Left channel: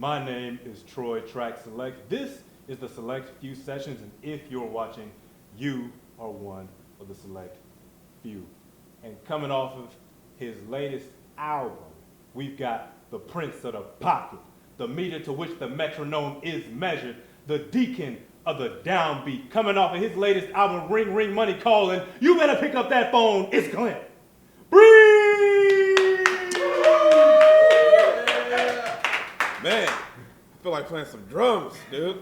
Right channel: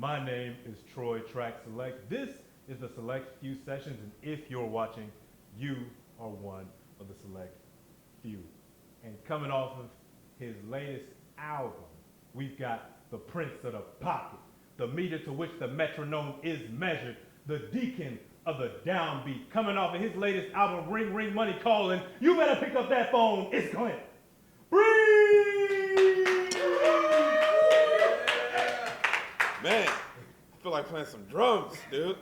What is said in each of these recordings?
My name is Troy Track Select. This is the Select Few Sessions, and if you're watching, you are one of the Select Few. And coming off of his latest album, we've got the Prince of the Pocket, the meter to which the metronome is measured, the deacon of the downbeat, coming off of his latest album, Ring Ring Money Calling. You better pick up that phone, it's Clint Breeze! Man, I feel like playing some drums, dude.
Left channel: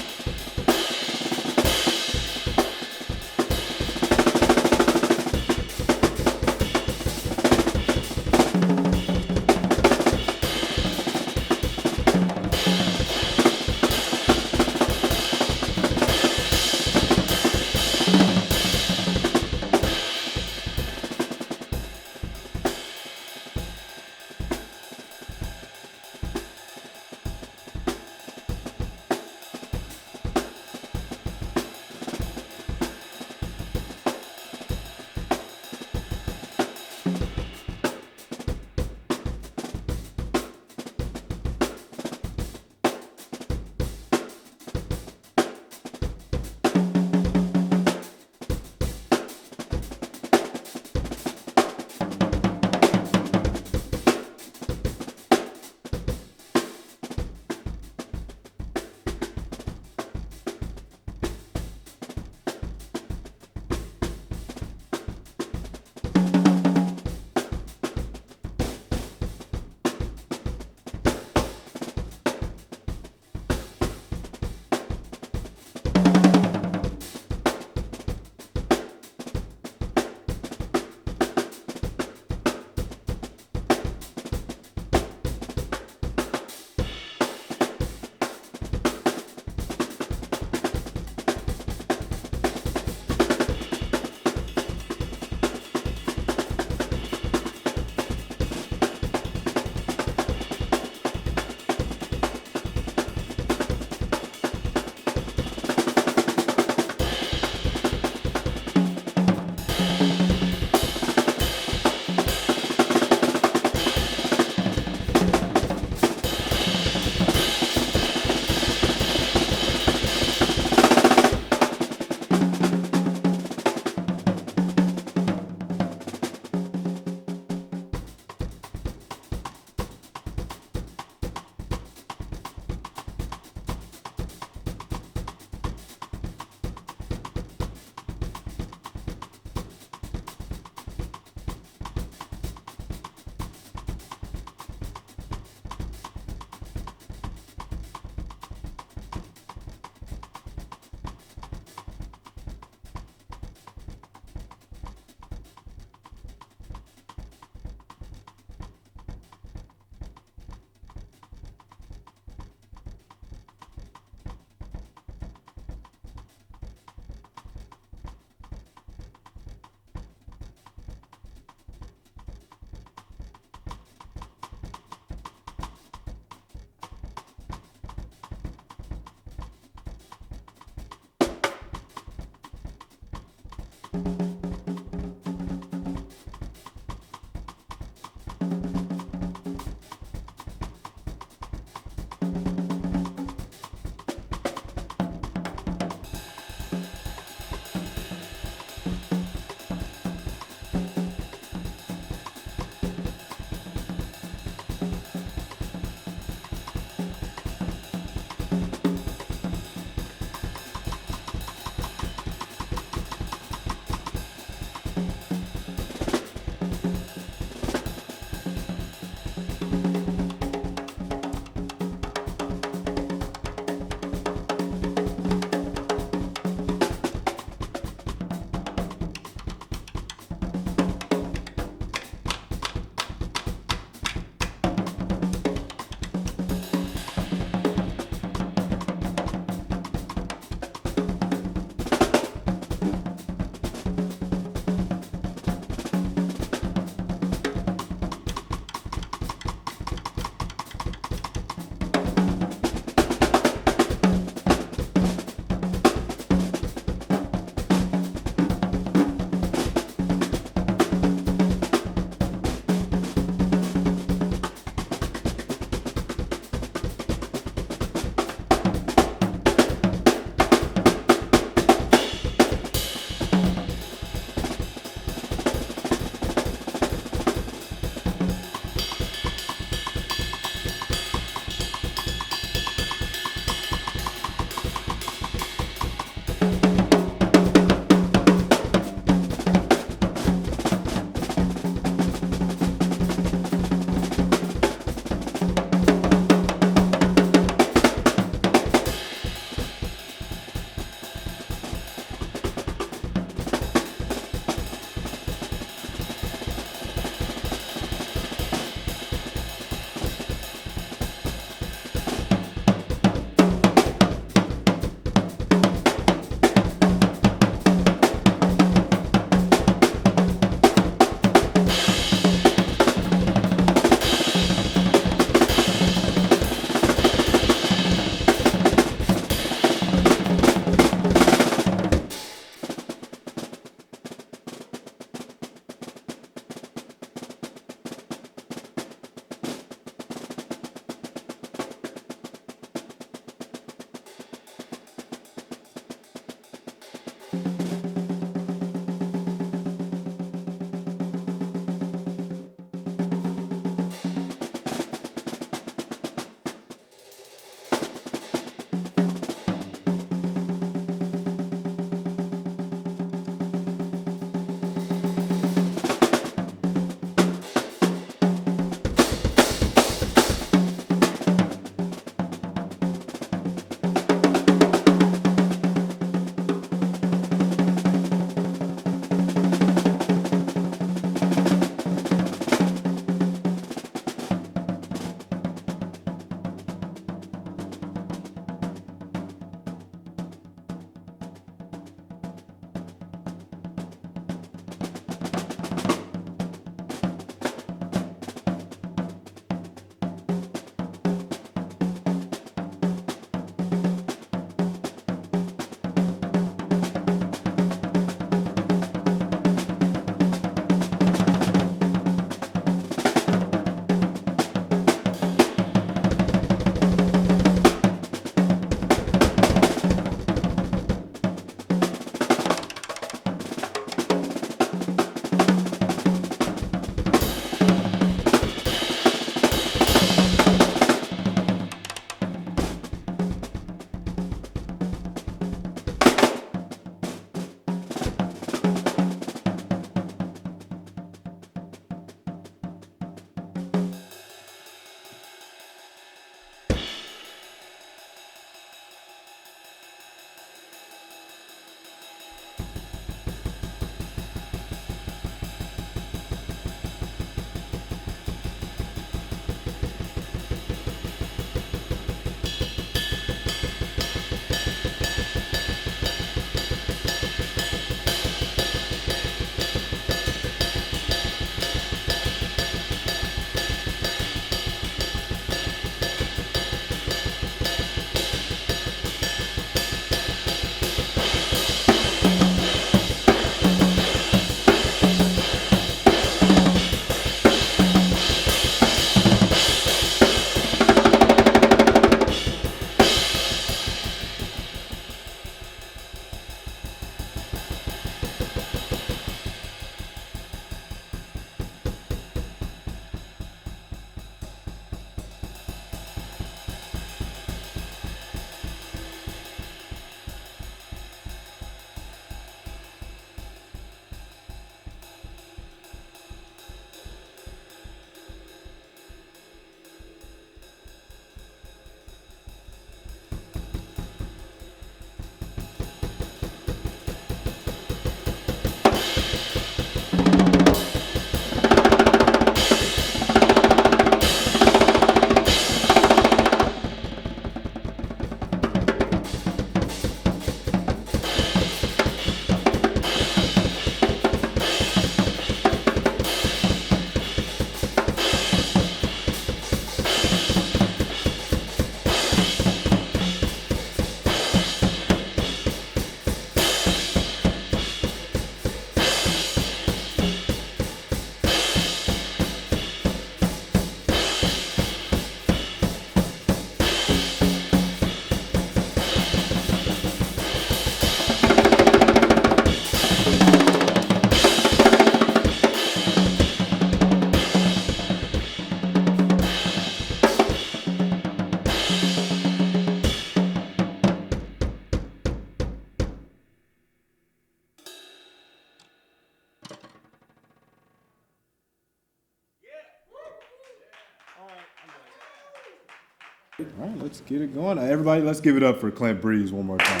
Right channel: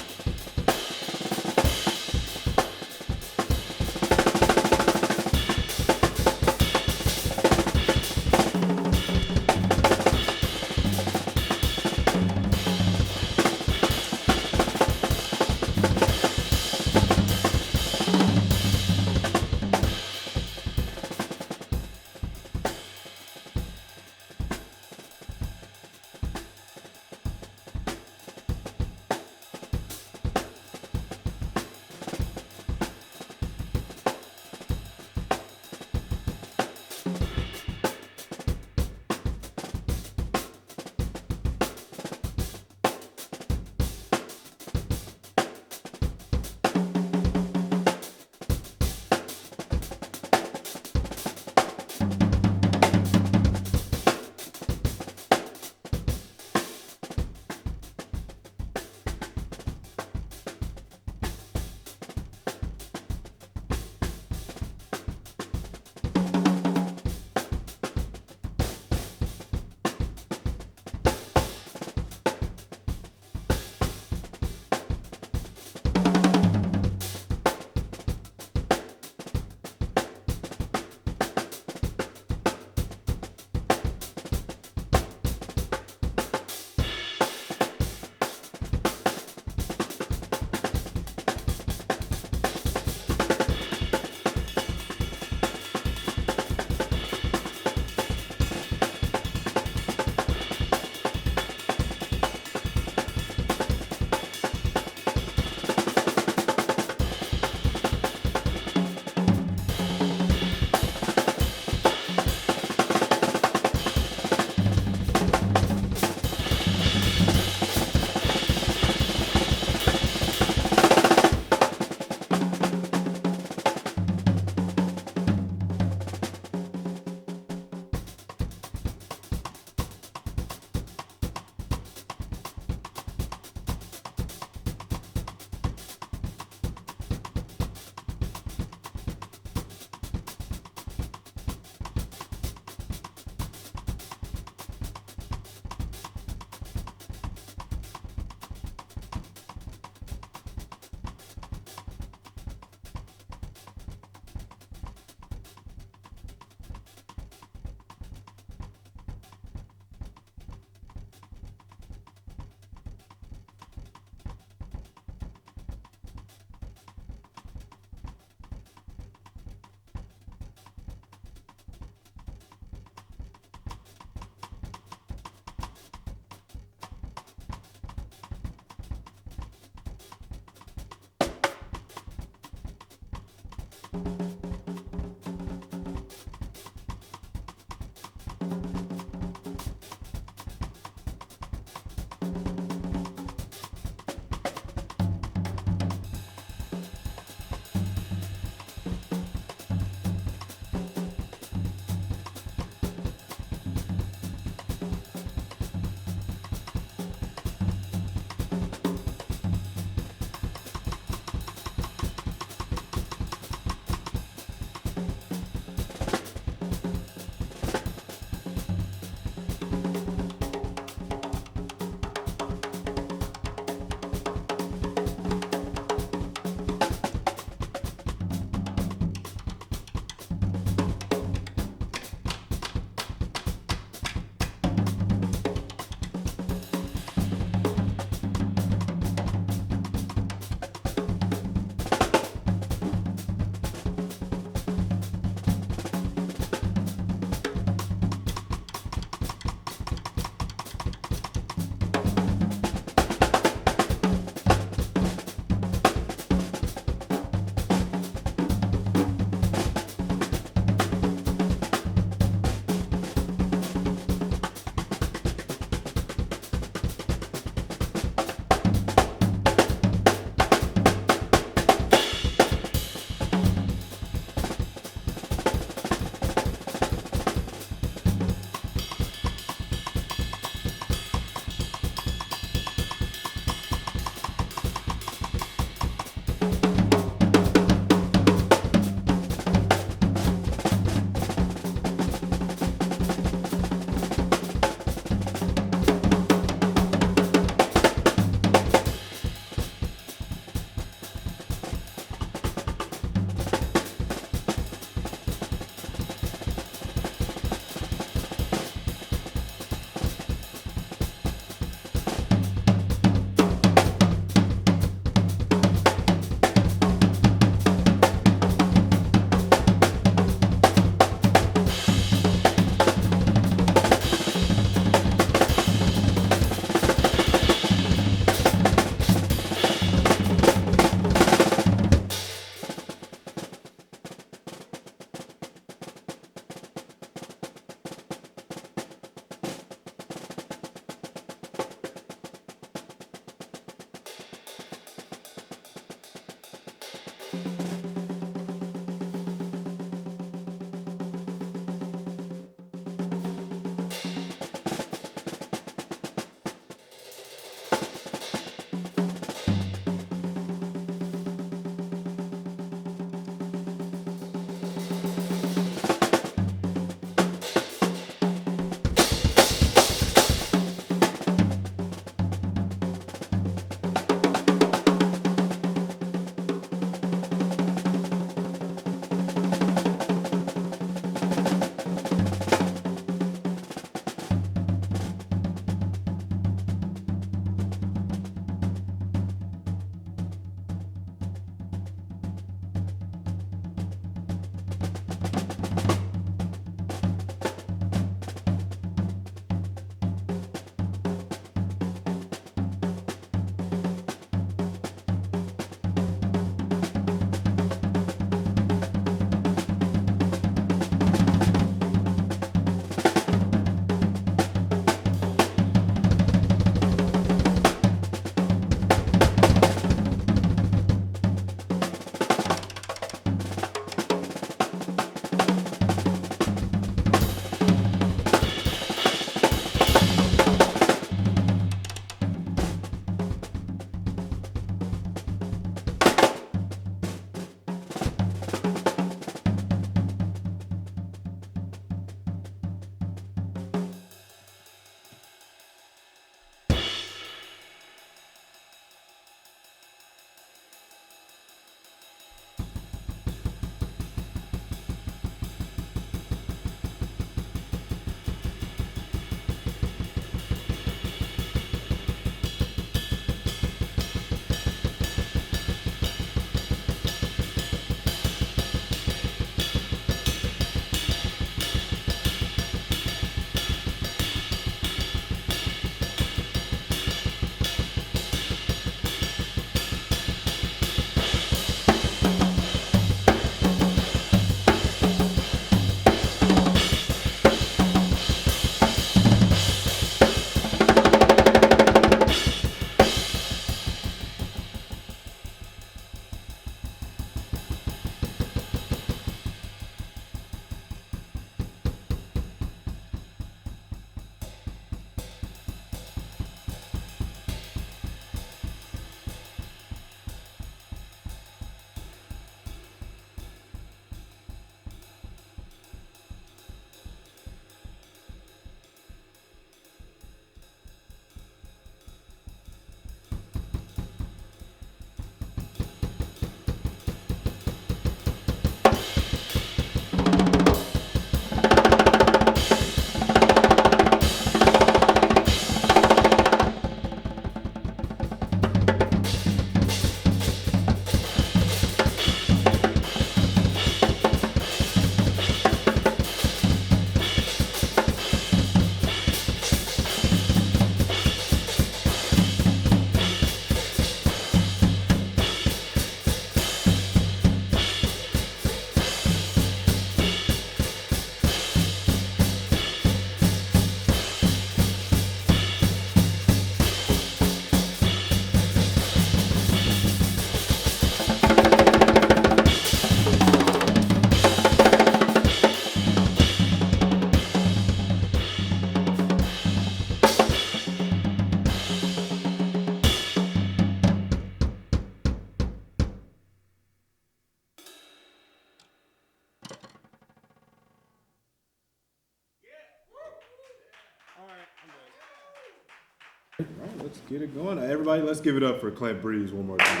All right, let's get it going. Everybody, let's give it up for Clint Breeze one more time.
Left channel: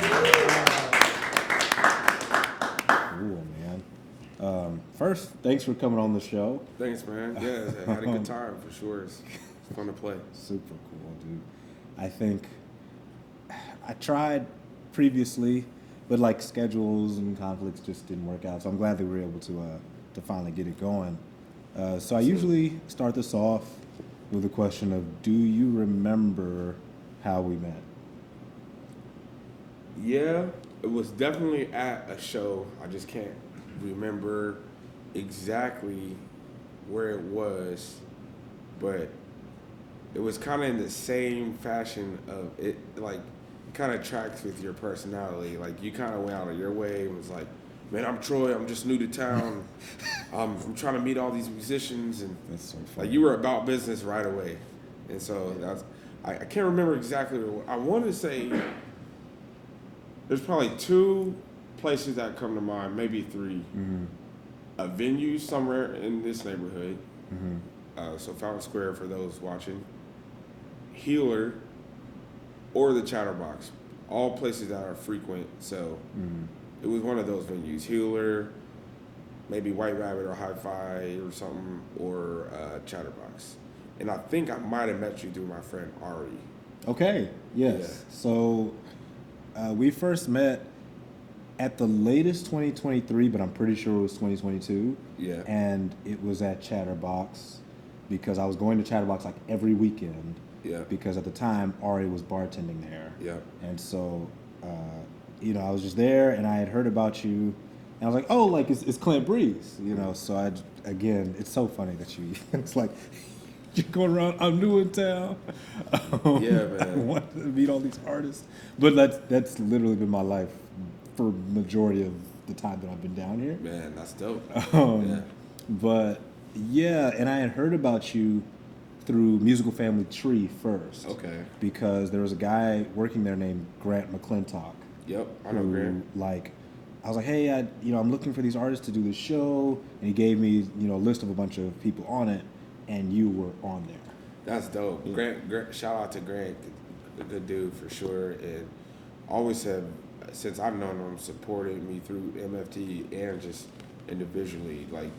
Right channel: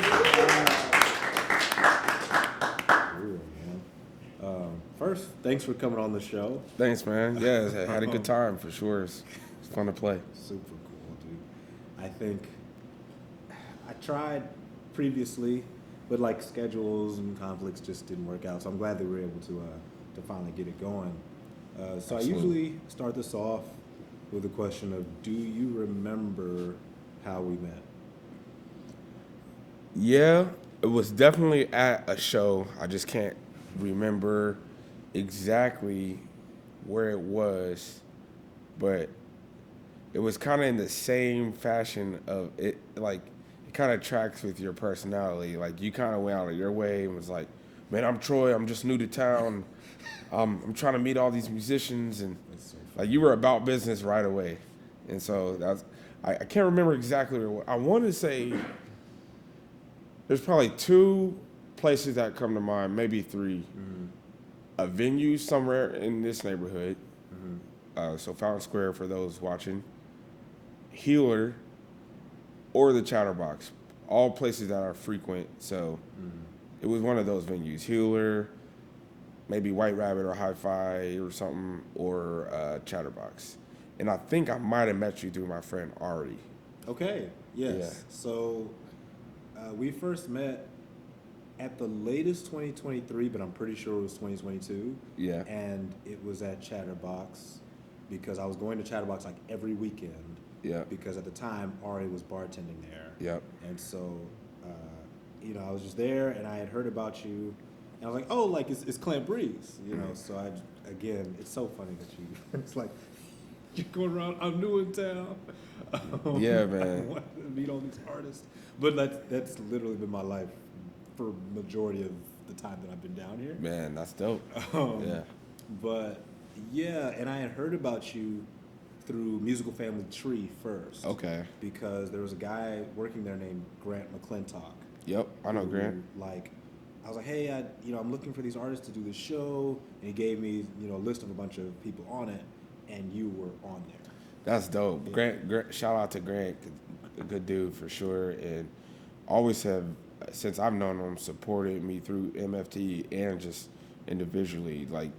Cool, man. First, thanks for coming on the show. Thanks, man. Yeah, I had a good time for sure. It's fun to play. Super cool, dude. I think I tried previously, but like schedules and conflicts just didn't work out. So I'm glad that we were able to finally get it going. So I usually start this off with the question of, do you remember how we met? Yeah, it was definitely at a show. I just can't remember exactly where it was, but it was kind of in the same fashion of it, like, it kind of tracks with your personality. Like, you kind of went out of your way and was like, man, I'm Troy, I'm just new to town. I'm trying to meet all these musicians, and That's so funny. like, you were about business right away. And so I can't remember exactly where. I want to say there's probably 2 places that come to mind, maybe 3. A venue somewhere in this neighborhood. So Fountain Square for those watching. Healer or the Chatterbox. All places that are frequent. So it was one of those venues. Healer, maybe White Rabbit or Hi-Fi or something, or Chatterbox. And I think I might have met you through my friend Ari. Okay, yes. Yeah. So we first met at the latest 2023, but I'm pretty sure it was 2022. Yeah. And it was at Chatterbox because I was going to Chatterbox like every weekend. Yeah. Because at the time, Ari was bartending there. Yeah. And so, I was just there and I had heard about you. And I was like, oh, like it's Clint Breeze, So again, it's so funny that it's like, you're going around, I'm new in town. Yeah, man. I want to meet all these artists. But that's literally been my life for majority of the time that I've been down here. Man, that's dope. Yeah. But yeah, and I had heard about you through Musical Family Tree first. Okay. Because there was a guy working there named Grant McClintock. Yep, I know who, Grant. Like, I was like, hey, I'm looking for these artists to do this show, and he gave me, a list of a bunch of people on it, and you were on there. That's dope. Grant, shout out to Grant, a good dude for sure, and always have, since I've known him, supported me through MFT and just individually, like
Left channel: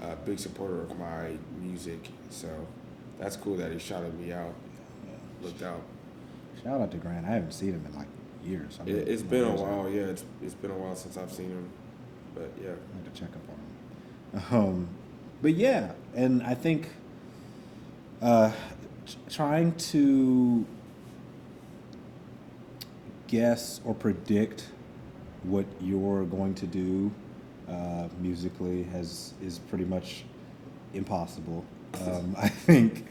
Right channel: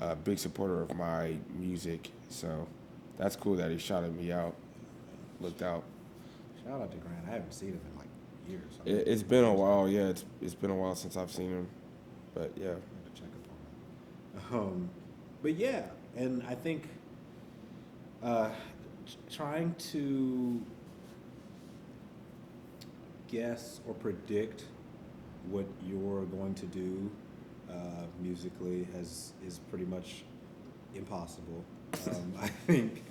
a big supporter of my music. So that's cool that he shouted me out, looked out. Shout out to Grant. I haven't seen him in like years. It's been a while, yeah. It's been a while since I've seen him, but yeah. I have to check up on him. But yeah, and I think trying to guess or predict what you're going to do musically is pretty much impossible. I think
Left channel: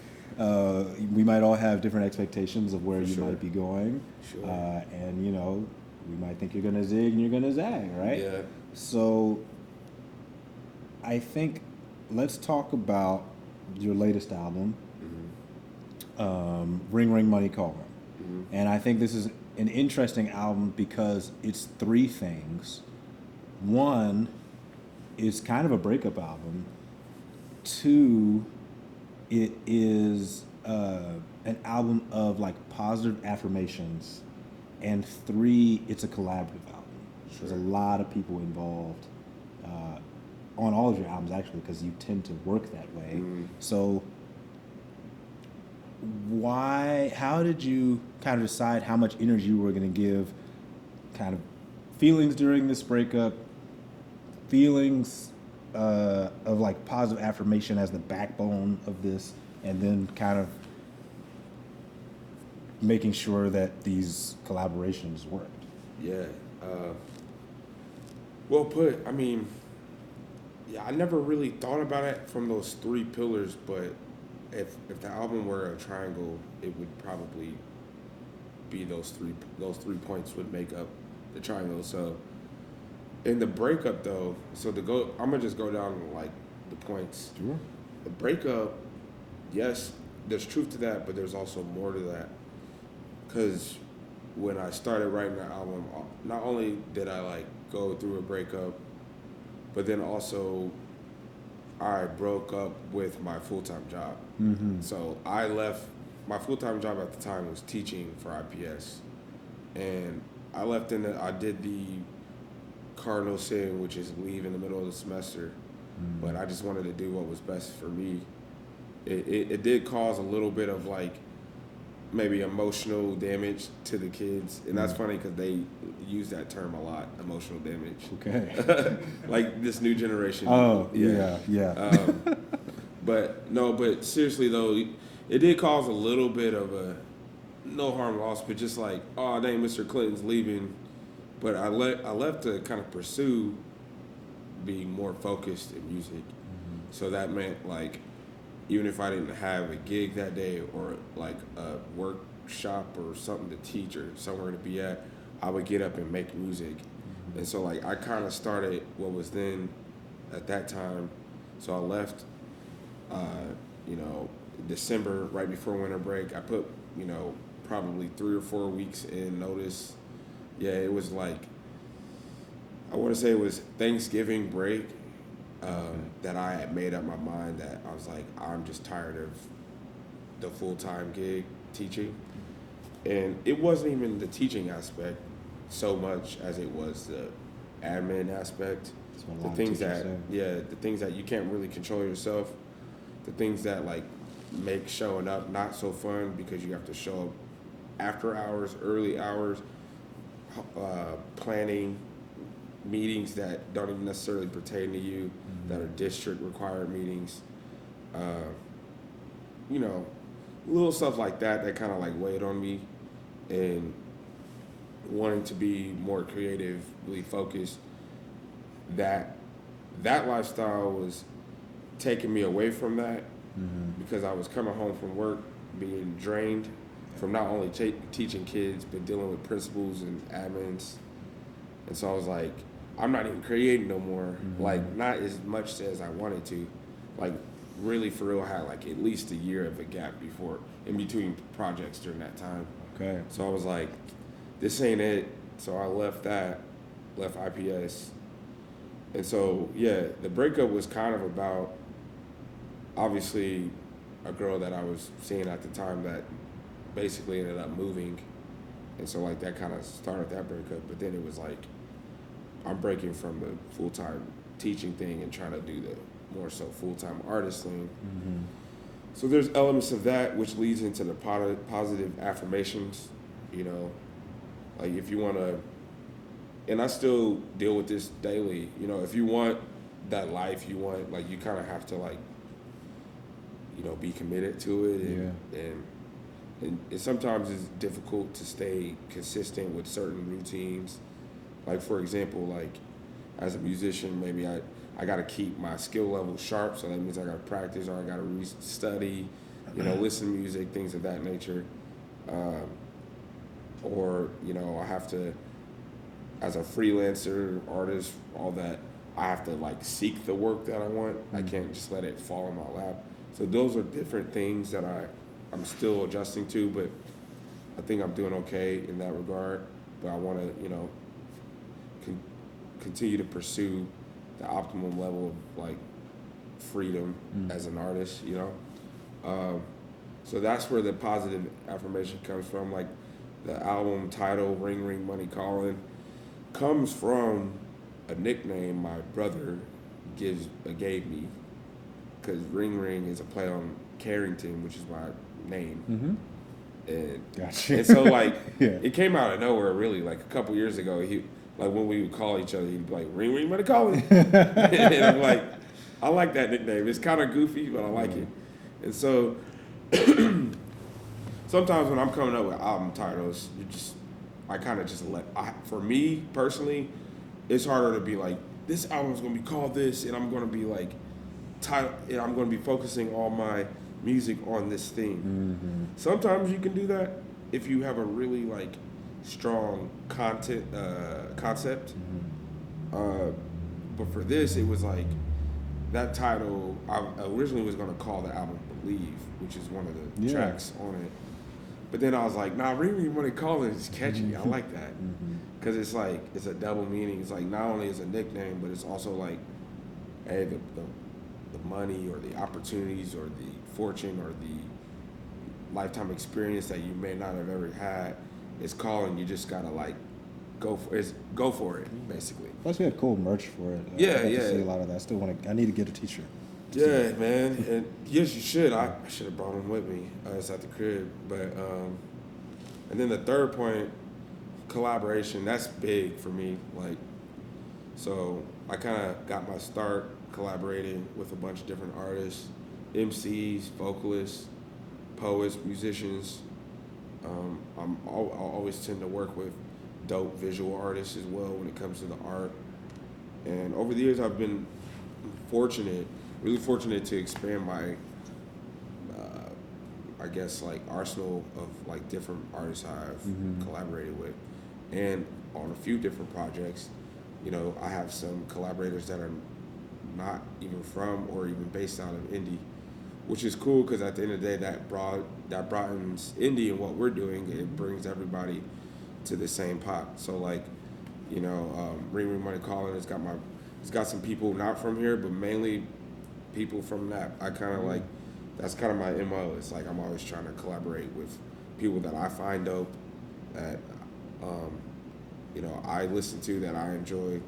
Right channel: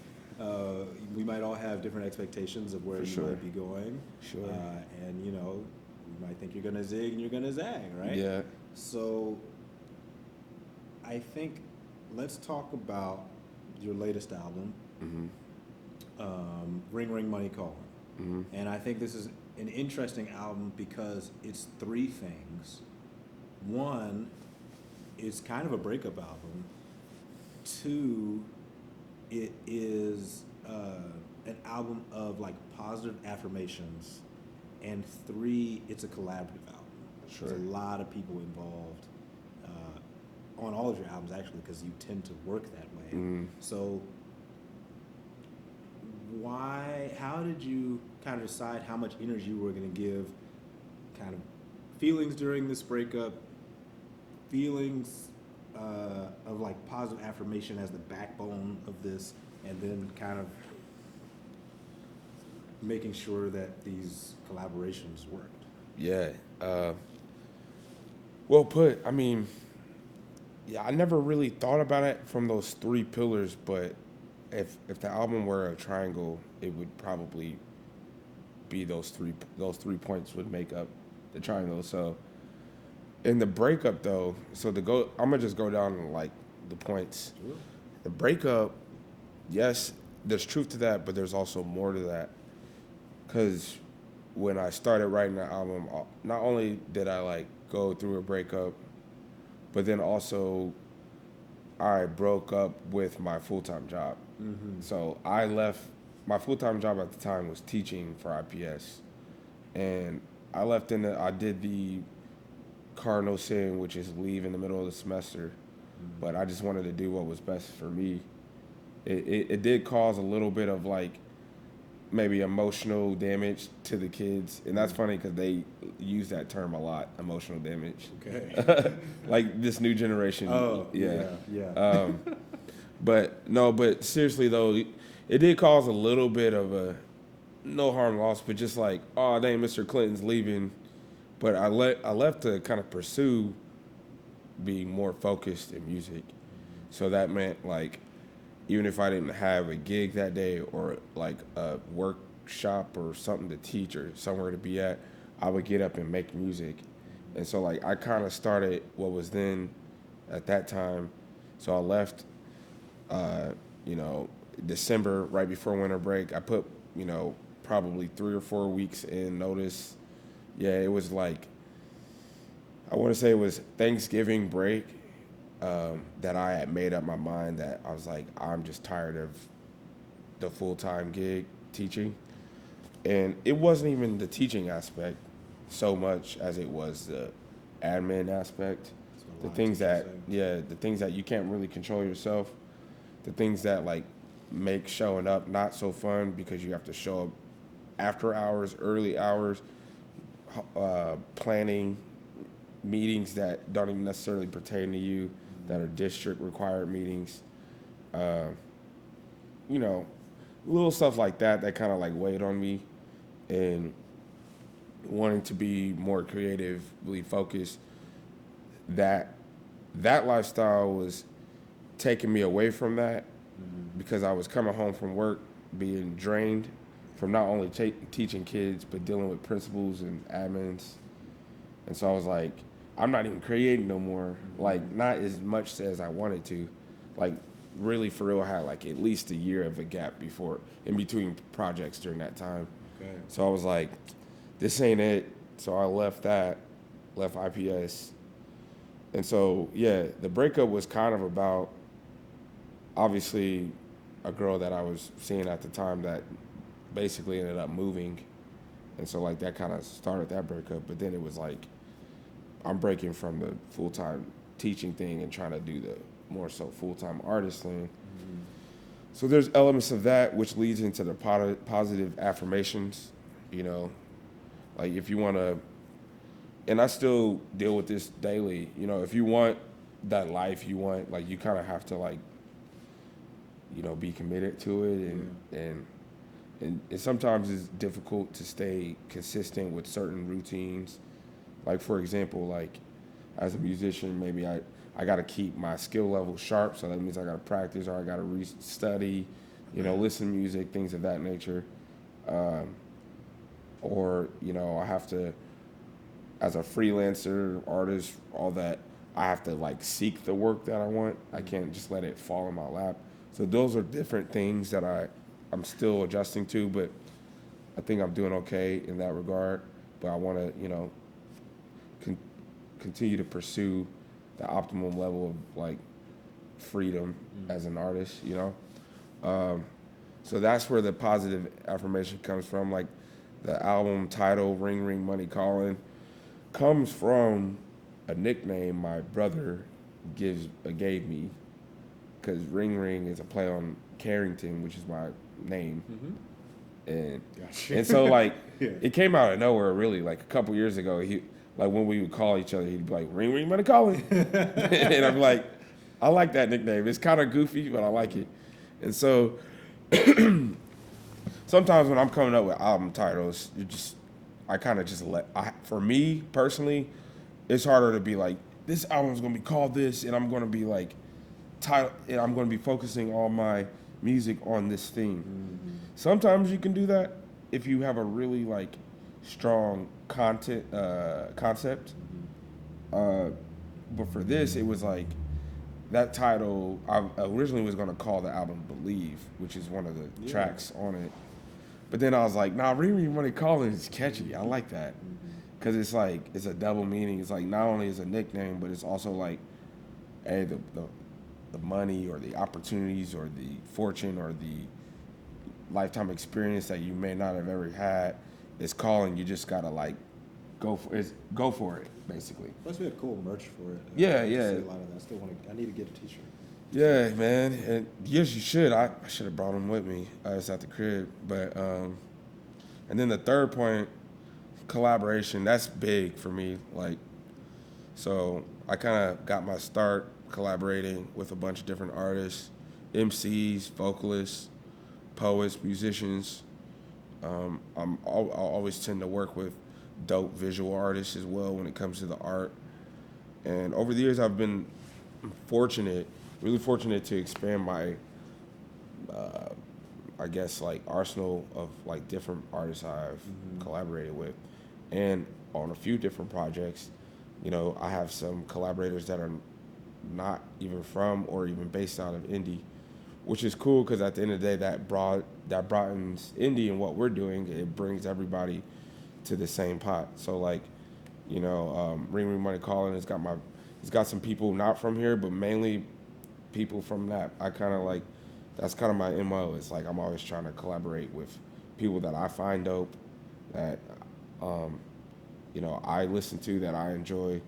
we might all have different expectations of where For you sure. might be going. Sure. And we might think you're gonna zig and you're gonna zag, right? Yeah. So I think let's talk about your latest album, Ring Ring Money Call. And I think this is an interesting album because it's 3 things. 1, is kind of a breakup album. 2, it is an album of like positive affirmations. And 3, it's a collaborative album. Sure. There's a lot of people involved on all of your albums, actually, because you tend to work that way. So how did you kind of decide how much energy you were going to give, kind of feelings during this breakup, feelings of like positive affirmation as the backbone of this, and then kind of making sure that these collaborations worked? Yeah. Well put. I mean, yeah, I never really thought about it from those 3 pillars, but if the album were a triangle, it would probably be those three points would make up the triangle. So in the breakup though, I'm gonna just go down like the points. Sure. The breakup, yes, there's truth to that, but there's also more to that. Because when I started writing the album, not only did I like go through a breakup, but then also I broke up with my full-time job. So I left my full-time job at the time was teaching for IPS, and I left I did the cardinal sin, which is leave in the middle of the semester, but I just wanted to do what was best for me. It did cause a little bit of like maybe emotional damage to the kids, and that's funny because they use that term a lot, emotional damage. Okay. Like this new generation. Oh, yeah. But seriously though, it did cause a little bit of a no harm loss, but just like, oh dang, Mr. Clinton's leaving. But I left to kind of pursue being more focused in music. So that meant like, even if I didn't have a gig that day or like a workshop or something to teach or somewhere to be at, I would get up and make music. And so like I kind of started what was then at that time. So I left, December, right before winter break. I put, probably 3 or 4 weeks in notice. Yeah, it was like, I want to say it was Thanksgiving break. That I had made up my mind that I was like, I'm just tired of the full-time gig teaching. And it wasn't even the teaching aspect so much as it was the admin aspect. The things that, the things that you can't really control yourself. The things that like make showing up not so fun because you have to show up after hours, early hours, planning meetings that don't even necessarily pertain to you, that are district required meetings, little stuff like that kind of like weighed on me, and wanting to be more creatively focused. That lifestyle was taking me away from that, because I was coming home from work being drained from not only teaching kids but dealing with principals and admins, and so I was like, I'm not even creating no more, like not as much as I wanted to. Like really for real, I had like at least a year of a gap in between projects during that time. Okay. So I was like, this ain't it. So I left IPS. And so, yeah, the breakup was kind of about, obviously, a girl that I was seeing at the time that basically ended up moving. And so like that kind of started that breakup, but then it was like, I'm breaking from the full-time teaching thing and trying to do the more so full-time artist thing. So there's elements of that which leads into the positive affirmations, like if you want to, and I still deal with this daily, if you want that life you want, like you kind of have to like, be committed to it, and sometimes it's difficult to stay consistent with certain routines. Like for example, like as a musician, maybe I got to keep my skill level sharp, so that means I got to practice or I got to study, listen to music, things of that nature. Or, I have to, as a freelancer, artist, all that, I have to like seek the work that I want. I can't just let it fall in my lap. So those are different things that I'm still adjusting to, but I think I'm doing okay in that regard. But I want to, continue to pursue the optimum level of like freedom as an artist, so that's where the positive affirmation comes from. Like the album title, Ring Ring Money Calling, comes from a nickname my brother gave me, because Ring Ring is a play on Carrington, which is my name. And, Gotcha. and so like it came out of nowhere really. Like a couple years ago, like when we would call each other, he'd be like, Ring Ring Money Calling. And I'm like, I like that nickname. It's kind of goofy, but I like it. And so sometimes when I'm coming up with album titles, I kind of just for me personally, it's harder to be like, this album's going to be called this, and I'm going to be like, and I'm going to be focusing all my music on this thing. Sometimes you can do that if you have a really like strong concept. But for this, it was like that title. I originally was going to call the album "Believe," which is one of the tracks on it. But then I was like, nah, really want to call it. It's catchy. I like that because it's like it's a double meaning. It's like not only is a nickname, but it's also like, hey, the money or the opportunities or the fortune or lifetime experience that you may not have ever had is calling. You just gotta like go for it, basically. Plus, we had cool merch for it. Yeah, I got to yeah. see a lot of that. I still want to. I need to get a T-shirt. Yeah, man, and yes, you should. I should have brought them with me. It's at the crib, but and then the third point, collaboration. That's big for me. Like, so I kind of got my start collaborating with a bunch of different artists, MCs, vocalists, poets, musicians. I always tend to work with dope visual artists as well when it comes to the art. And over the years, I've been really fortunate to expand my, I guess, like arsenal of like different artists I've collaborated with. And on a few different projects, you know, I have some collaborators that are not even from or even based out of Indy, which is cool because at the end of the day, that broadens Indy and what we're doing. It brings everybody to the same pot. So like, you know, Ring Ring Money Calling it's got some people not from here, but mainly people from that. I kind of like, that's kind of my MO. It's like I'm always trying to collaborate with people that I find dope, that you know, I listen to, that I enjoy.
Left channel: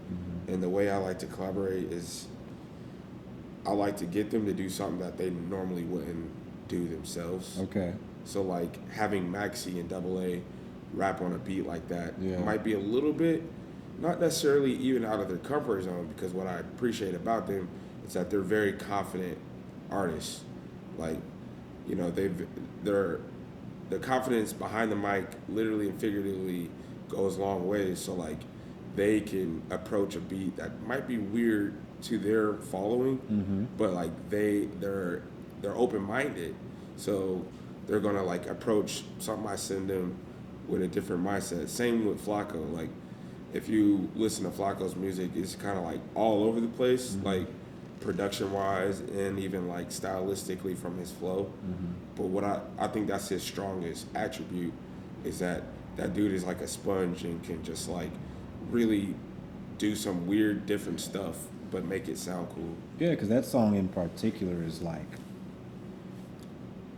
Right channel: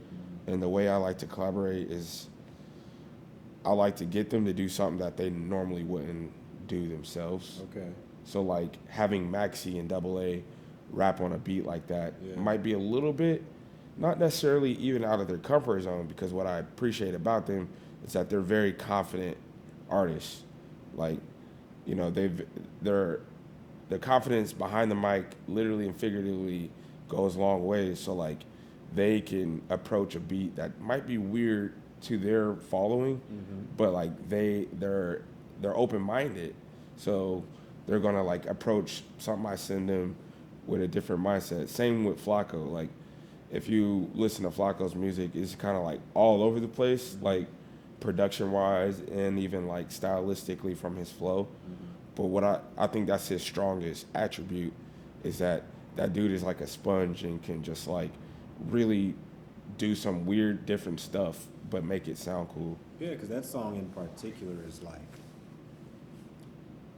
And the way I like to collaborate is I like to get them to do something that they normally wouldn't do themselves. Okay. So like having Maxi and Double A rap on a beat like that Yeah. might be a little bit, not necessarily even out of their comfort zone, because what I appreciate about them is that they're very confident artists. Like, you know, their confidence behind the mic, literally and figuratively, goes a long ways. So like, they can approach a beat that might be weird to their following, but like they're open-minded, so they're gonna like approach something I send them with a different mindset. Same with Flacco. Like, if you listen to Flacco's music, it's kind of like all over the place, like production-wise and even like stylistically from his flow. But what I think that's his strongest attribute is that dude is like a sponge and can just like really do some weird, different stuff, but make it sound cool. Yeah, because that song in particular is like,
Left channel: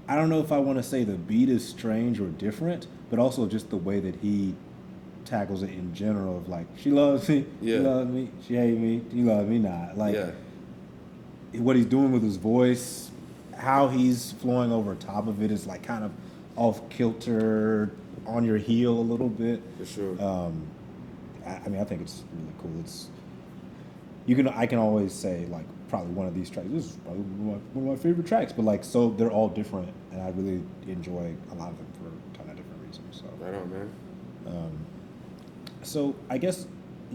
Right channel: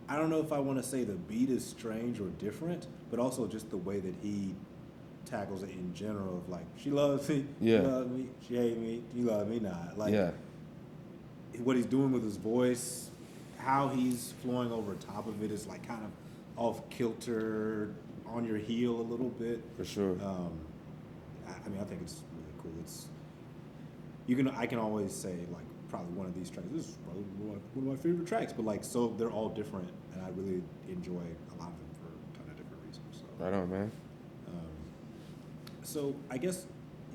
I don't know if I want to say the beat is strange or different, but also just the way that he tackles it in general of like, she loves me, Yeah. she loves me, she hates me, you love me not. Like, what he's doing with his voice, how he's flowing over top of it is like kind of off kilter, on your heel a little bit. For sure. I mean, I think it's really cool. I can always say like probably one of these tracks. This is probably one of my favorite tracks, but like, so they're all different, and I really enjoy a lot of them for a ton of different reasons. So Right on, man. so I guess,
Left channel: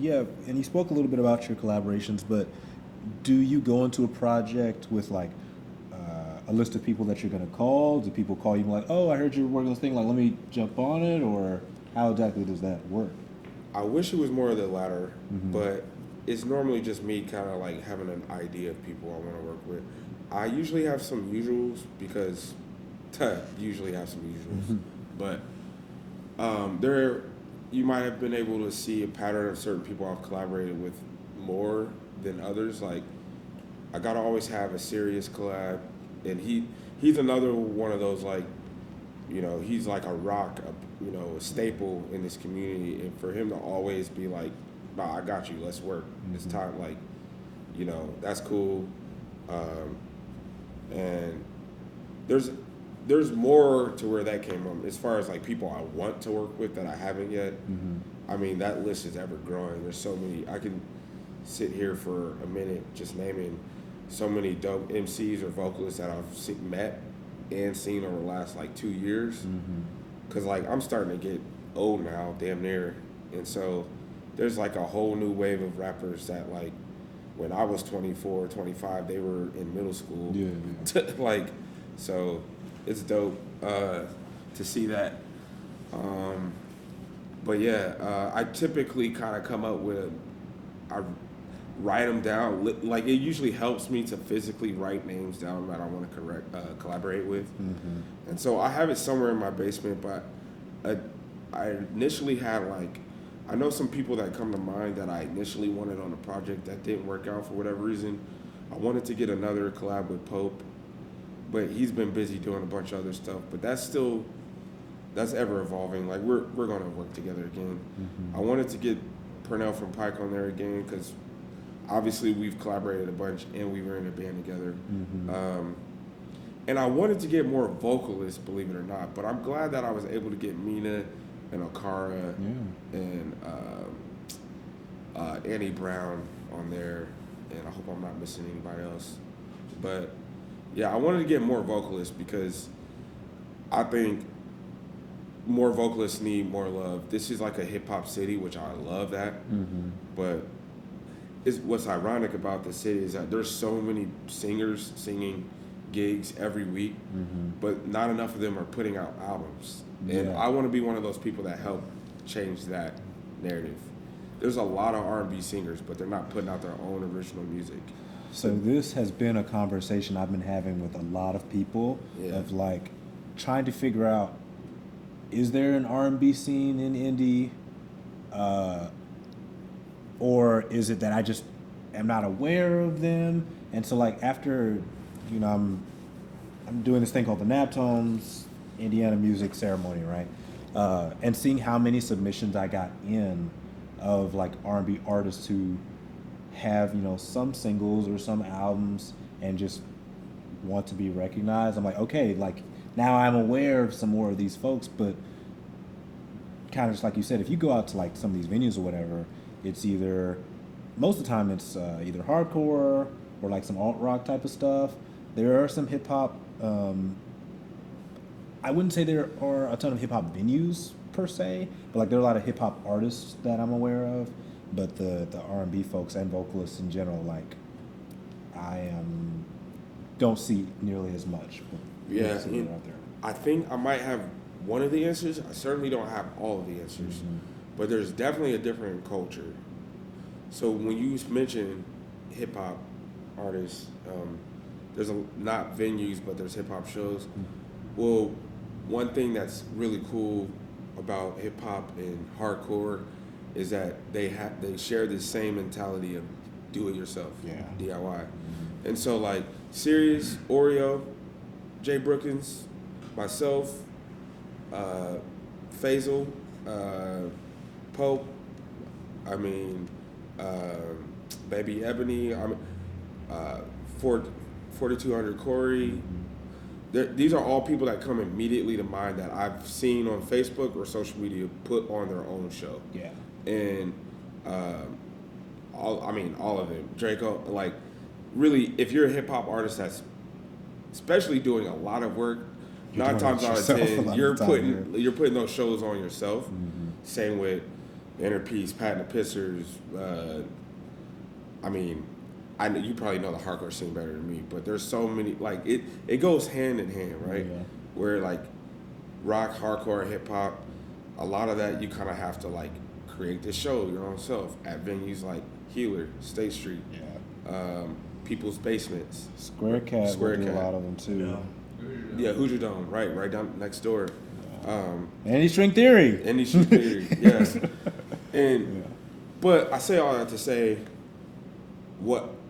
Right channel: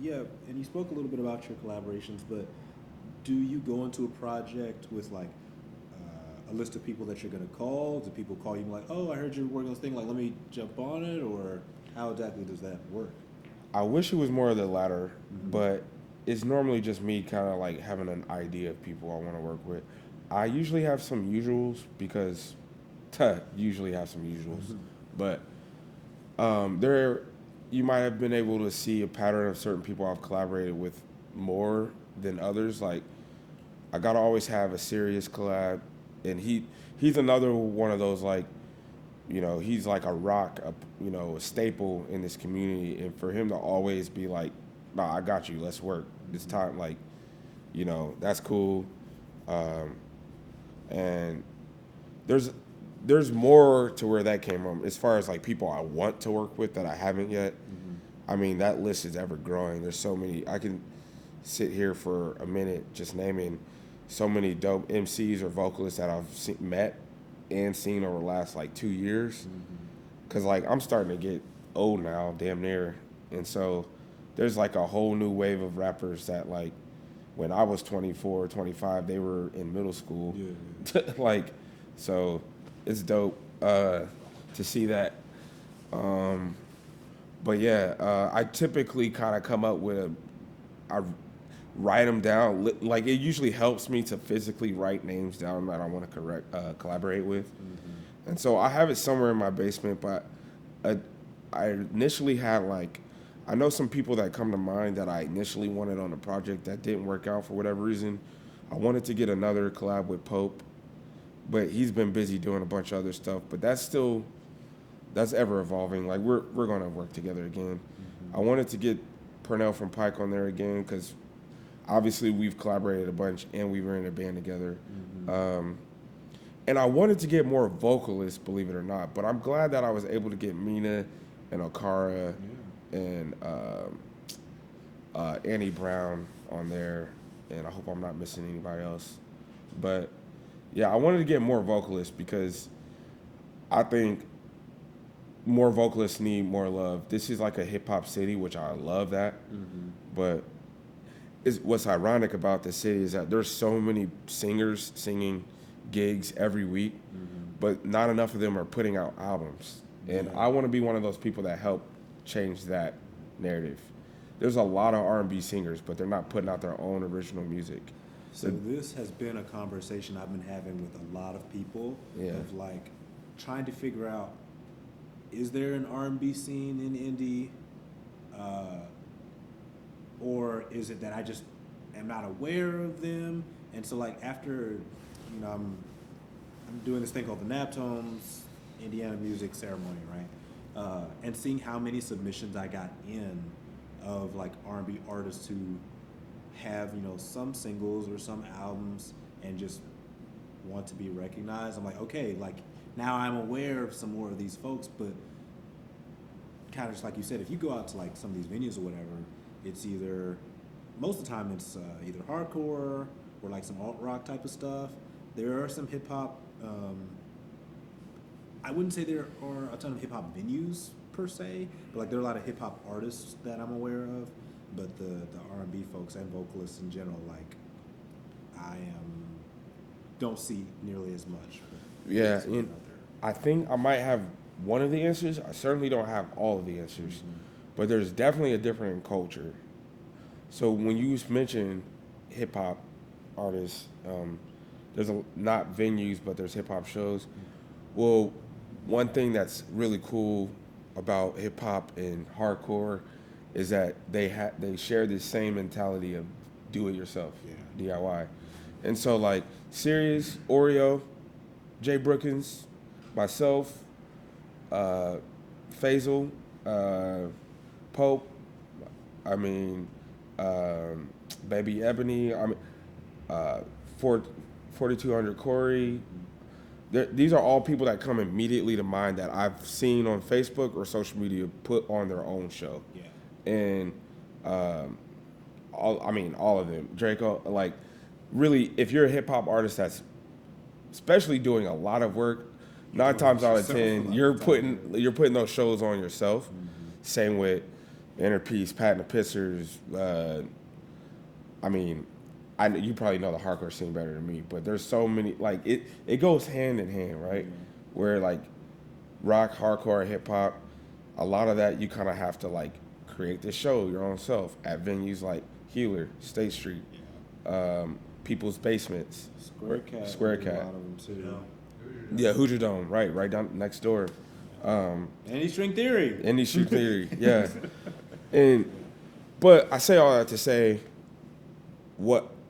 yeah, and you spoke a little bit about your collaborations, but do you go into a project with like a list of people that you're gonna call? Do people call you like, oh, I heard you're working on this thing, like let me jump on it, or how exactly does that work? I wish it was more of the latter, but it's normally just me kind of like having an idea of people I want to work with. I usually have some usuals because but you might have been able to see a pattern of certain people I've collaborated with more than others. Like, I gotta always have a serious collab, and he's another one of those, like, you know, he's like a rock, you know, a staple in this community, and for him to always be like, nah, I got you, let's work, it's time, like, you know, that's cool. And there's more to where that came from as far as like people I want to work with that I haven't yet. I mean, that list is ever growing. There's so many. I can sit here for a minute just naming so many dope MCs or vocalists that I've met and seen over the last like 2 years. Cause like I'm starting to get old now, damn near, and so there's like a whole new wave of rappers that like when I was 24, 25, they were in middle school. Yeah. Like, so it's dope to see that. But yeah, I typically kind of come up with I write them down. Like, it usually helps me to physically write names down that I want to collaborate with. And so I have it somewhere in my basement, but I initially had like, I know some people that come to mind that I initially wanted on a project that didn't work out for whatever reason. I wanted to get another collab with Pope, but he's been busy doing a bunch of other stuff. But that's ever evolving. Like we're gonna work together again. I wanted to get Purnell from Pike on there again because obviously we've collaborated a bunch and we were in a band together. And I wanted to get more vocalists, believe it or not. But I'm glad that I was able to get Mina and Okara and Annie Brown on there. And I hope I'm not missing anybody else. But yeah, I wanted to get more vocalists because I think more vocalists need more love. This is like a hip hop city, which I love that. But what's ironic about the city is that there's so many singers singing gigs every week, but not enough of them are putting out albums. And I want to be one of those people that help change that narrative. There's a lot of R&B singers, but they're not putting out their own original music. So this has been a conversation I've been having with a lot of people of like trying to figure out, is there an R&B scene in Indy? Or is it that I just am not aware of them? And so like after, I'm doing this thing called the Naptones Indiana Music Ceremony, right? And seeing how many submissions I got in of like R&B artists who have, some singles or some albums and just want to be recognized. I'm like, okay, like now I'm aware of some more of these folks, but kind of just like you said, if you go out to like some of these venues or whatever, it's either, most of the time it's either hardcore or like some alt rock type of stuff. There are some hip hop, I wouldn't say there are a ton of hip hop venues per se, but like there are a lot of hip hop artists that I'm aware of. But the R&B folks and vocalists in general, like don't see nearly as much. Yeah, I think I might have one of the answers. I certainly don't have all of the answers, but there's definitely a different culture. So when you mention hip hop artists, there's not venues, but there's hip hop shows. Well, one thing that's really cool about hip hop and hardcore is that they share this same mentality of do it yourself, DIY. And so like Sirius, Oreo, Jay Brookins, myself, Faisal, Pope, Baby Ebony, 4200 Corey. These are all people that come immediately to mind that I've seen on Facebook or social media put on their own show. Yeah. And all of them. Draco, like, really, if you're a hip hop artist that's especially doing a lot of work, 9 times out of 10, you're putting those shows on yourself. Same with Inner Peace, Pat and the Pissers. I know you probably know the hardcore scene better than me, but there's so many, like, it goes hand in hand, right? Yeah. Where like rock, hardcore, hip hop, a lot of that you kind of have to like create this show your own self at venues like Healer, State Street, People's Basements, Square Cat, Square do Cat. a lot of them too. Yeah, Hoosier Dome, right down next door. Indy String Theory. Indy String Theory, yes. But I say all that to say,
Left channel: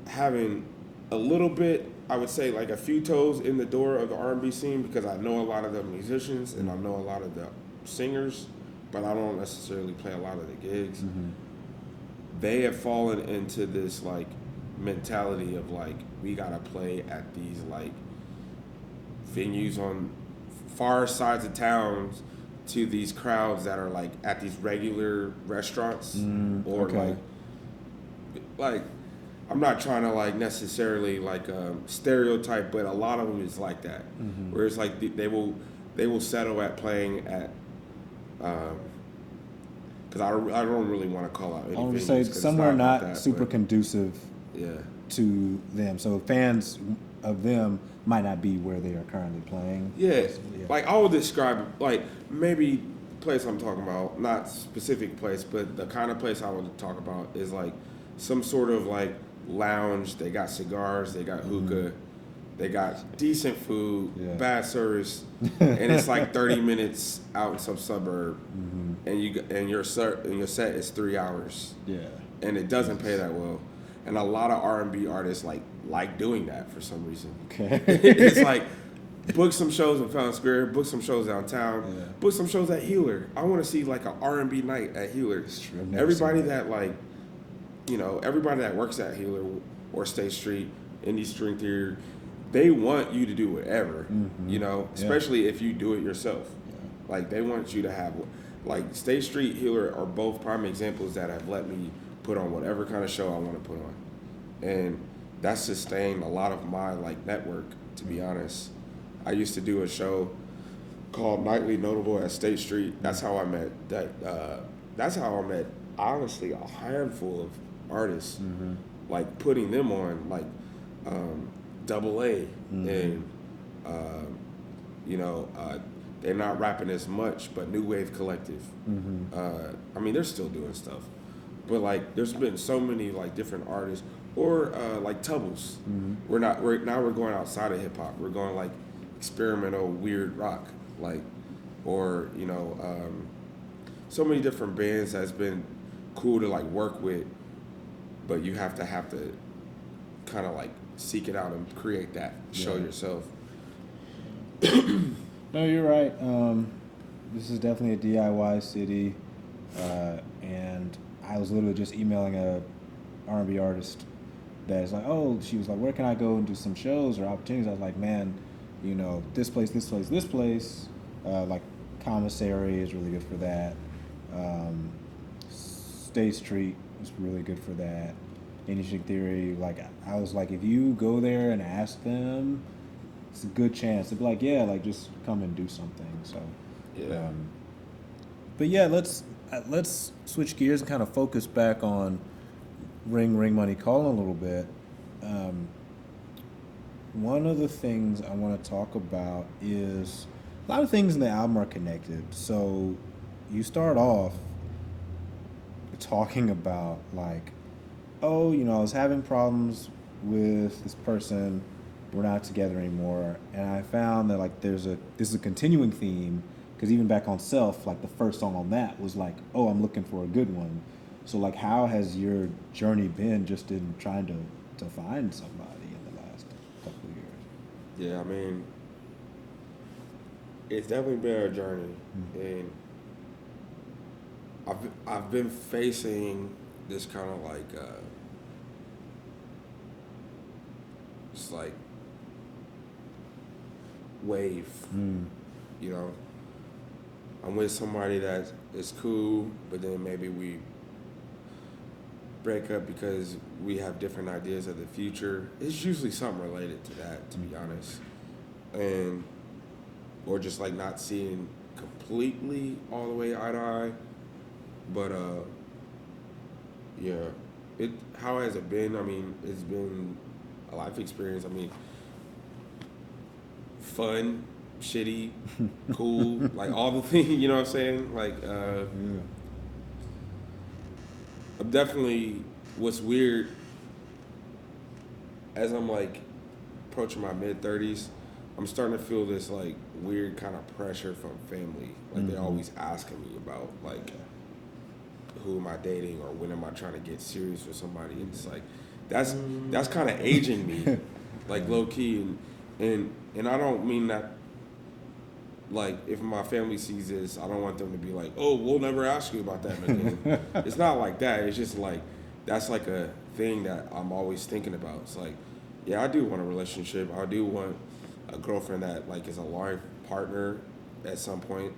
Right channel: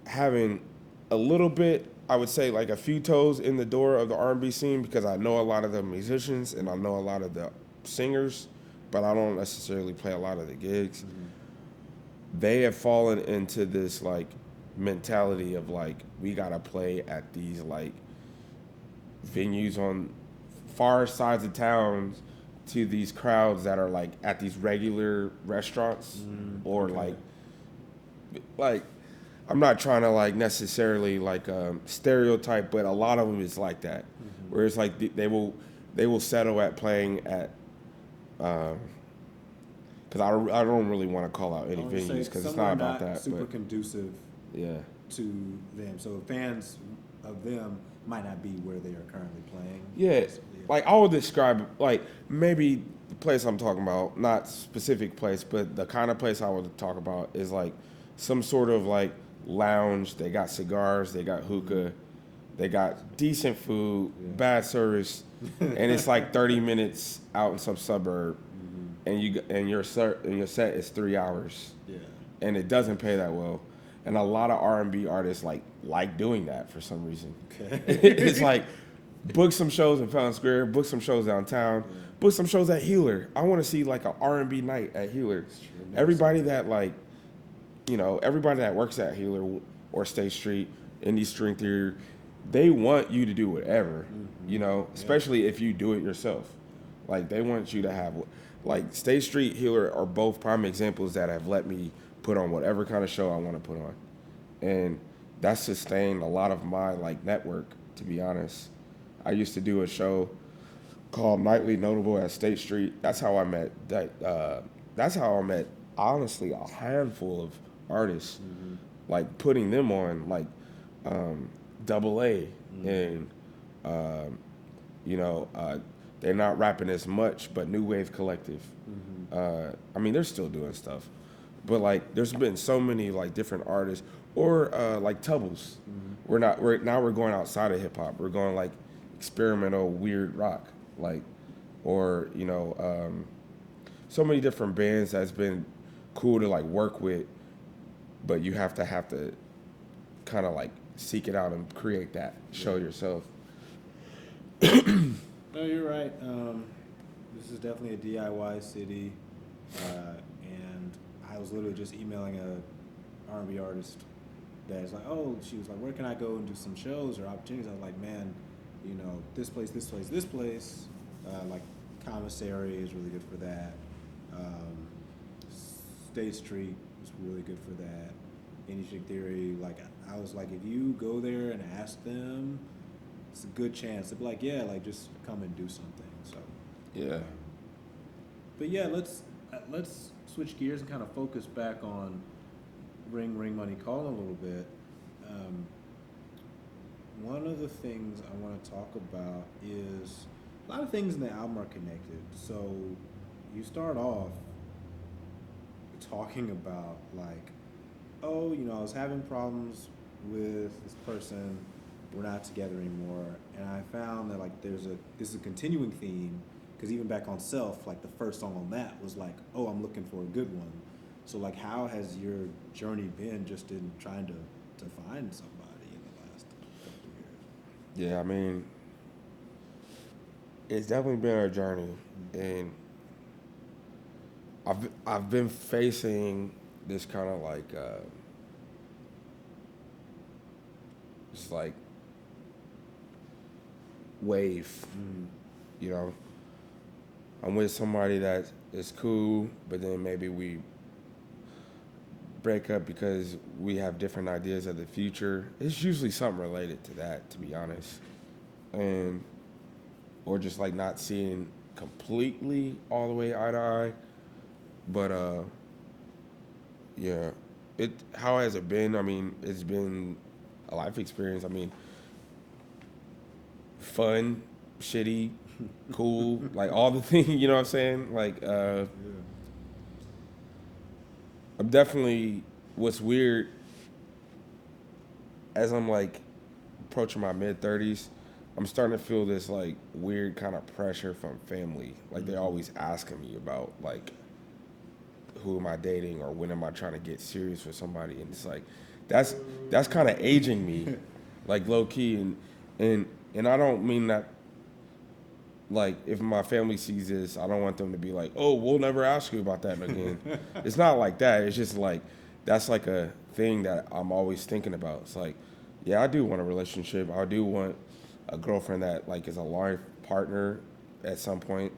having a little bit, I would say like a few toes in the door of the R&B scene, because I know a lot of the musicians and I know a lot of the singers, but I don't necessarily play a lot of the gigs. They have fallen into this like mentality of like, we gotta play at these like venues on far sides of towns to these crowds that are like at these regular restaurants or like I'm not trying to like necessarily like stereotype, but a lot of them is like that, where it's like they will settle at playing at because I don't really want to call out any venues, say somewhere not that, super conducive to them, so fans of them might not be where they are currently playing. Like I would describe it like maybe the place I'm talking about, not specific place, but the kind of place I would talk about is like some sort of like lounge. They got cigars, they got hookah, they got decent food, bad service, and it's like 30 minutes out in some suburb, and your set is 3 hours, and it doesn't pay that well, and a lot of R&B artists like doing that for some reason. Okay. It's like book some shows in Fountain Square, book some shows downtown, Yeah. book some shows at Healer. I want to see like an R&B night at Healer. true. I've never Everybody seen that like, everybody that works at Healer or State Street, Indy String Theory, they want you to do whatever, Yeah. especially if you do it yourself. Like they want you to have, like State Street, Healer are both prime examples that have let me put on whatever kind of show I want to put on, and that's sustained a lot of my like network. To be honest, I used to do a show called Nightly Notable at State Street. That's how I met that's how I met honestly a handful of artists, like putting them on like Double A and they're not rapping as much, but New Wave Collective. I mean, they're still doing stuff, but like, there's been so many like different artists, or like Tubbles. We're going outside of hip hop. We're going like experimental, weird rock, like, or so many different bands that's been cool to like work with, but you have to kind of like seek it out and create that, show yourself. No, you're right. This is definitely a DIY city, and I was literally just emailing a R&B artist that's like, she was like, where can I go and do some shows or opportunities? I was like, man, this place, like Commissary is really good for that. State Street is really good for that. Indy String Theory, like, I was like, if you go there and ask them, it's a good chance. They'll be like, yeah, like, just come and do something. So, Yeah. But yeah, let's switch gears and kind of focus back on Ring Money Calling a little bit. One of the things I want to talk about is a lot of things in the album are connected. So you start off talking about like, I was having problems with this person. We're not together anymore. And I found that like this is a continuing theme, because even back on Self, like the first song on that was like, I'm looking for a good one. So like, how has your journey been just in trying to find somebody in the last couple of years? Yeah, I mean, it's definitely been a journey, and I've been facing this kind of like it's like wave, I'm with somebody that is cool, but then maybe we break up because we have different ideas of the future. It's usually something related to that, to be honest, and or just like not seeing completely all the way eye to eye. But how has it been? I mean, it's been a life experience. I mean, fun, shitty, cool, like all the things, you know what I'm saying? Like, I'm definitely, what's weird, as I'm like approaching my mid-30s, I'm starting to feel this like weird kind of pressure from family. Like they're always asking me about like, who am I dating, or when am I trying to get serious with somebody? And it's like, that's kind of aging me, like low key, and I don't mean that. Like, if my family sees this, I don't want them to be like, we'll never ask you about that again. It's not like that. It's just like, that's like a thing that I'm always thinking about. It's like, yeah, I do want a relationship. I do want a girlfriend that like is a life partner at some point.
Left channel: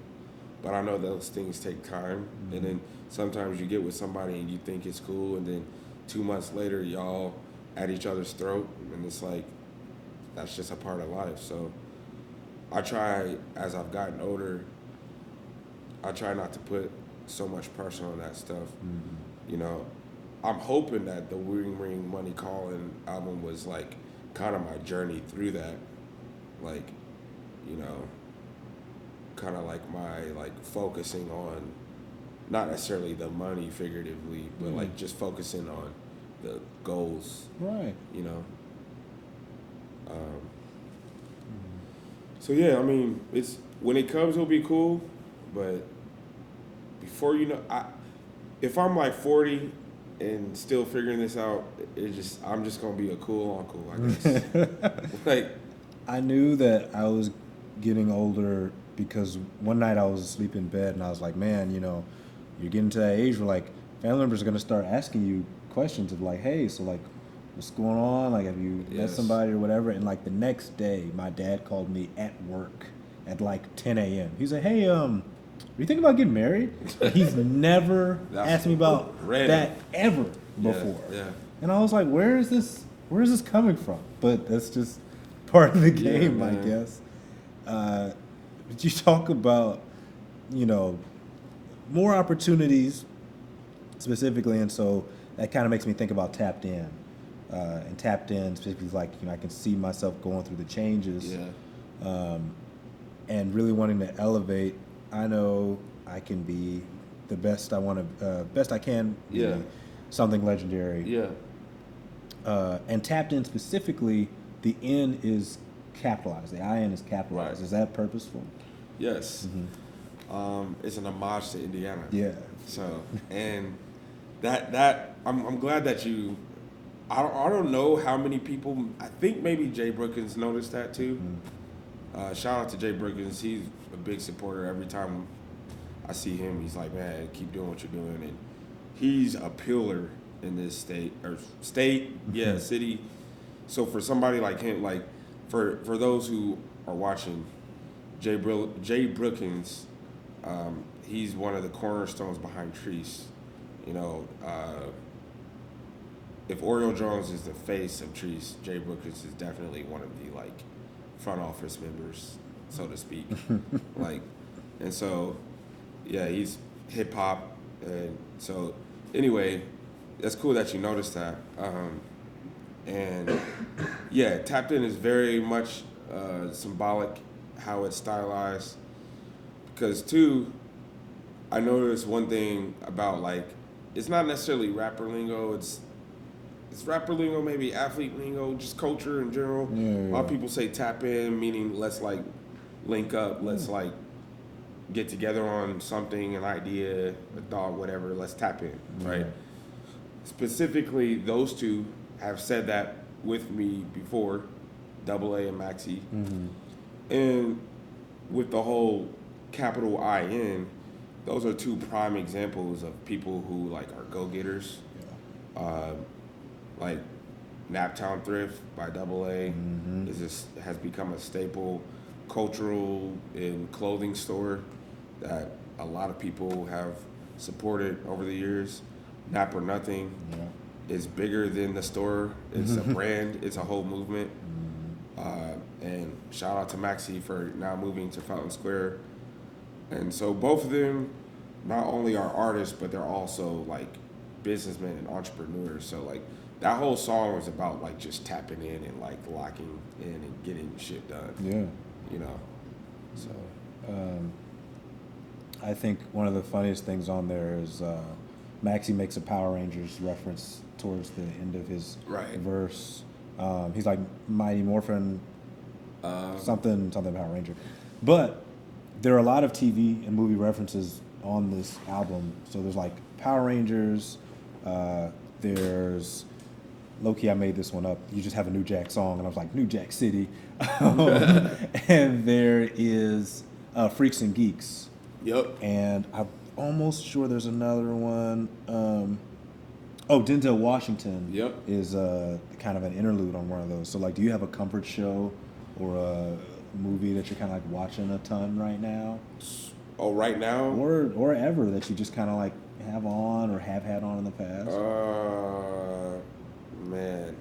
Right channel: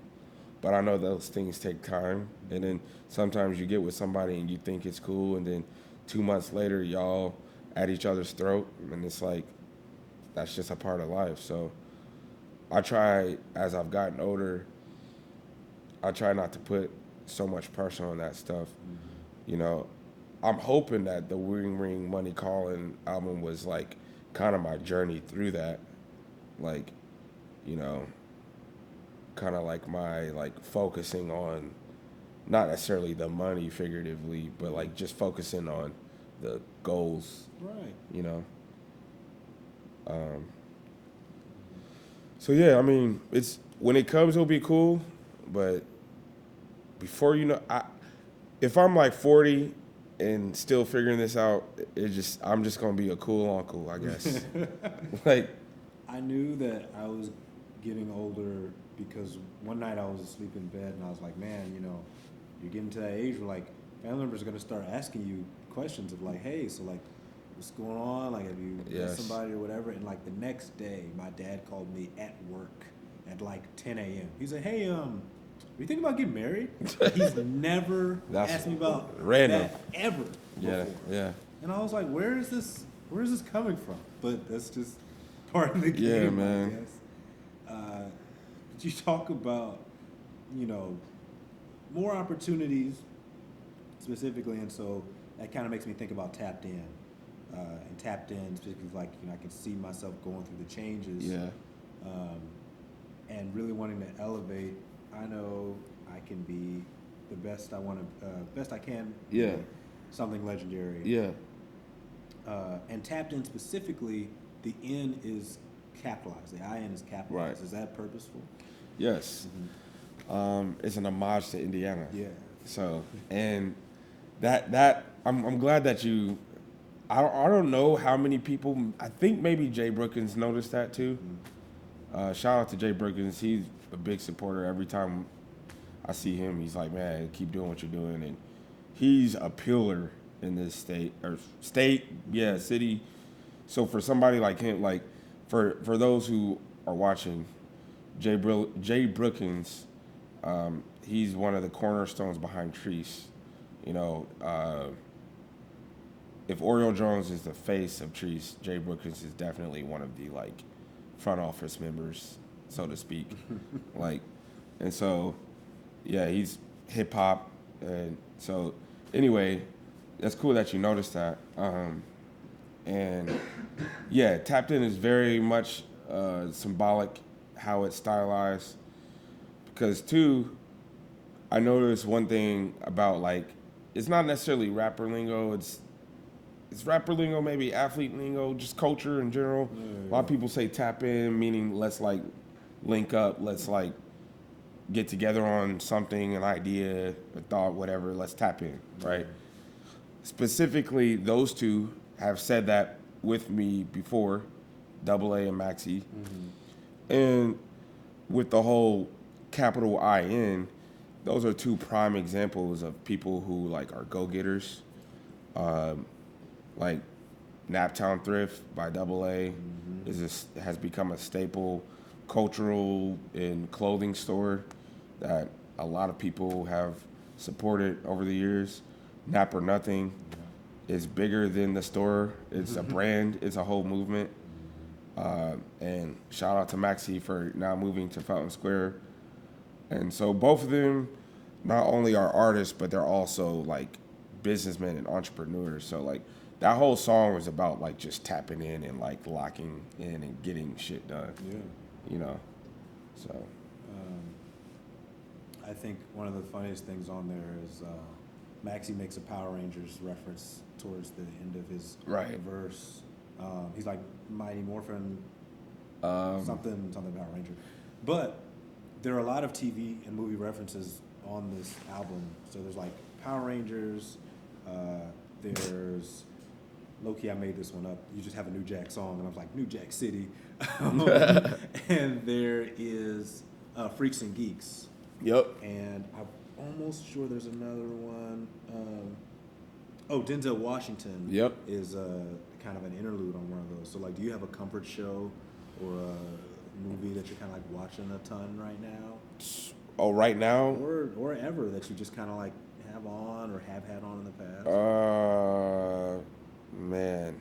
But I know those things take time. And then sometimes you get with somebody and you think it's cool, and then 2 months later, y'all at each other's throat. And it's like, that's just a part of life. So I try, as I've gotten older, I try not to put so much pressure on that stuff. I'm hoping that the Ring Money Calling album was like kind of my journey through that. Like, kind of like my like focusing on not necessarily the money figuratively, but like just focusing on the goals. Right. So yeah, I mean, it's when it comes, it'll be cool, but before if I'm like 40 and still figuring this out, I'm just gonna be a cool uncle, I guess. Like, I knew that I was getting older because one night I was asleep in bed and I was like, man, you're getting to that age where like family members are gonna start asking you questions of like, hey, so like, what's going on? Like, have you met Yes. somebody or whatever? And like the next day, my dad called me at work at like 10 a.m. He's like, hey, are you thinking about getting married? Like, he's never That's asked me about random. that ever before. Yeah. And I was like, where is this coming from? But that's just part of the Yeah, game, man. I guess. But you talk about, more opportunities specifically, and so that kind of makes me think about Tapped In. And Tapped In specifically, like, I can see myself going through the changes. Yeah. And really wanting to elevate. I know I can be the best best I can be. Yeah. Something legendary. Yeah. And Tapped In specifically, the N is capitalized. The IN is capitalized. Right. Is that purposeful? Yes. It's an homage to Indiana. Yeah. So, and that I'm glad that you. I don't know how many people. I think maybe Jay Brookins noticed that too. Shout out to Jay Brookins. He's a big supporter. Every time I see him, he's like, man, keep doing what you're doing. And he's a pillar in this state, city. So for somebody like him, like for those who are watching, Jay Brookins, he's one of the cornerstones behind Treese. If Oriole Jones is the face of Treese, Jay Brookins is definitely one of the like front office members, so to speak. And so, yeah, he's hip hop, and so anyway, that's cool that you noticed that. And yeah, Tapped In is very much symbolic how it's stylized, because too, I noticed one thing about like, it's not necessarily rapper lingo, it's rapper lingo, maybe athlete lingo, just culture in general. Yeah. A lot of people say tap in, meaning let's like link up, let's like get together on something, an idea, a thought, whatever, let's tap in, right? Specifically, those two have said that with me before, Double A and Maxi. And with the whole capital IN, those are two prime examples of people who like are go-getters. Like Naptown Thrift by Double A has become a staple cultural and clothing store that a lot of people have supported over the years. Nap or Nothing is bigger than the store. It's a brand. It's a whole movement. And shout out to Maxi for now moving to Fountain Square. And so both of them not only are artists, but they're also like businessmen and entrepreneurs. So like that whole song was about like just tapping in and like locking in and getting shit done. Yeah. So I think one of the funniest things on there is Maxie makes a Power Rangers reference towards the end of his verse. He's like Mighty Morphin, something Power Ranger. But there are a lot of TV and movie references on this album. So there's like Power Rangers, there's low-key, I made this one up. You just have a New Jack song, and I was like, New Jack City. And there is Freaks and Geeks. Yep. And I'm almost sure there's another one. Denzel Washington is kind of an interlude on one of those. So, like, do you have a comfort show or a movie that you're kind of like watching a ton right now? Oh, right now? Or ever that you just kind of like have on or have had on in the past? Man,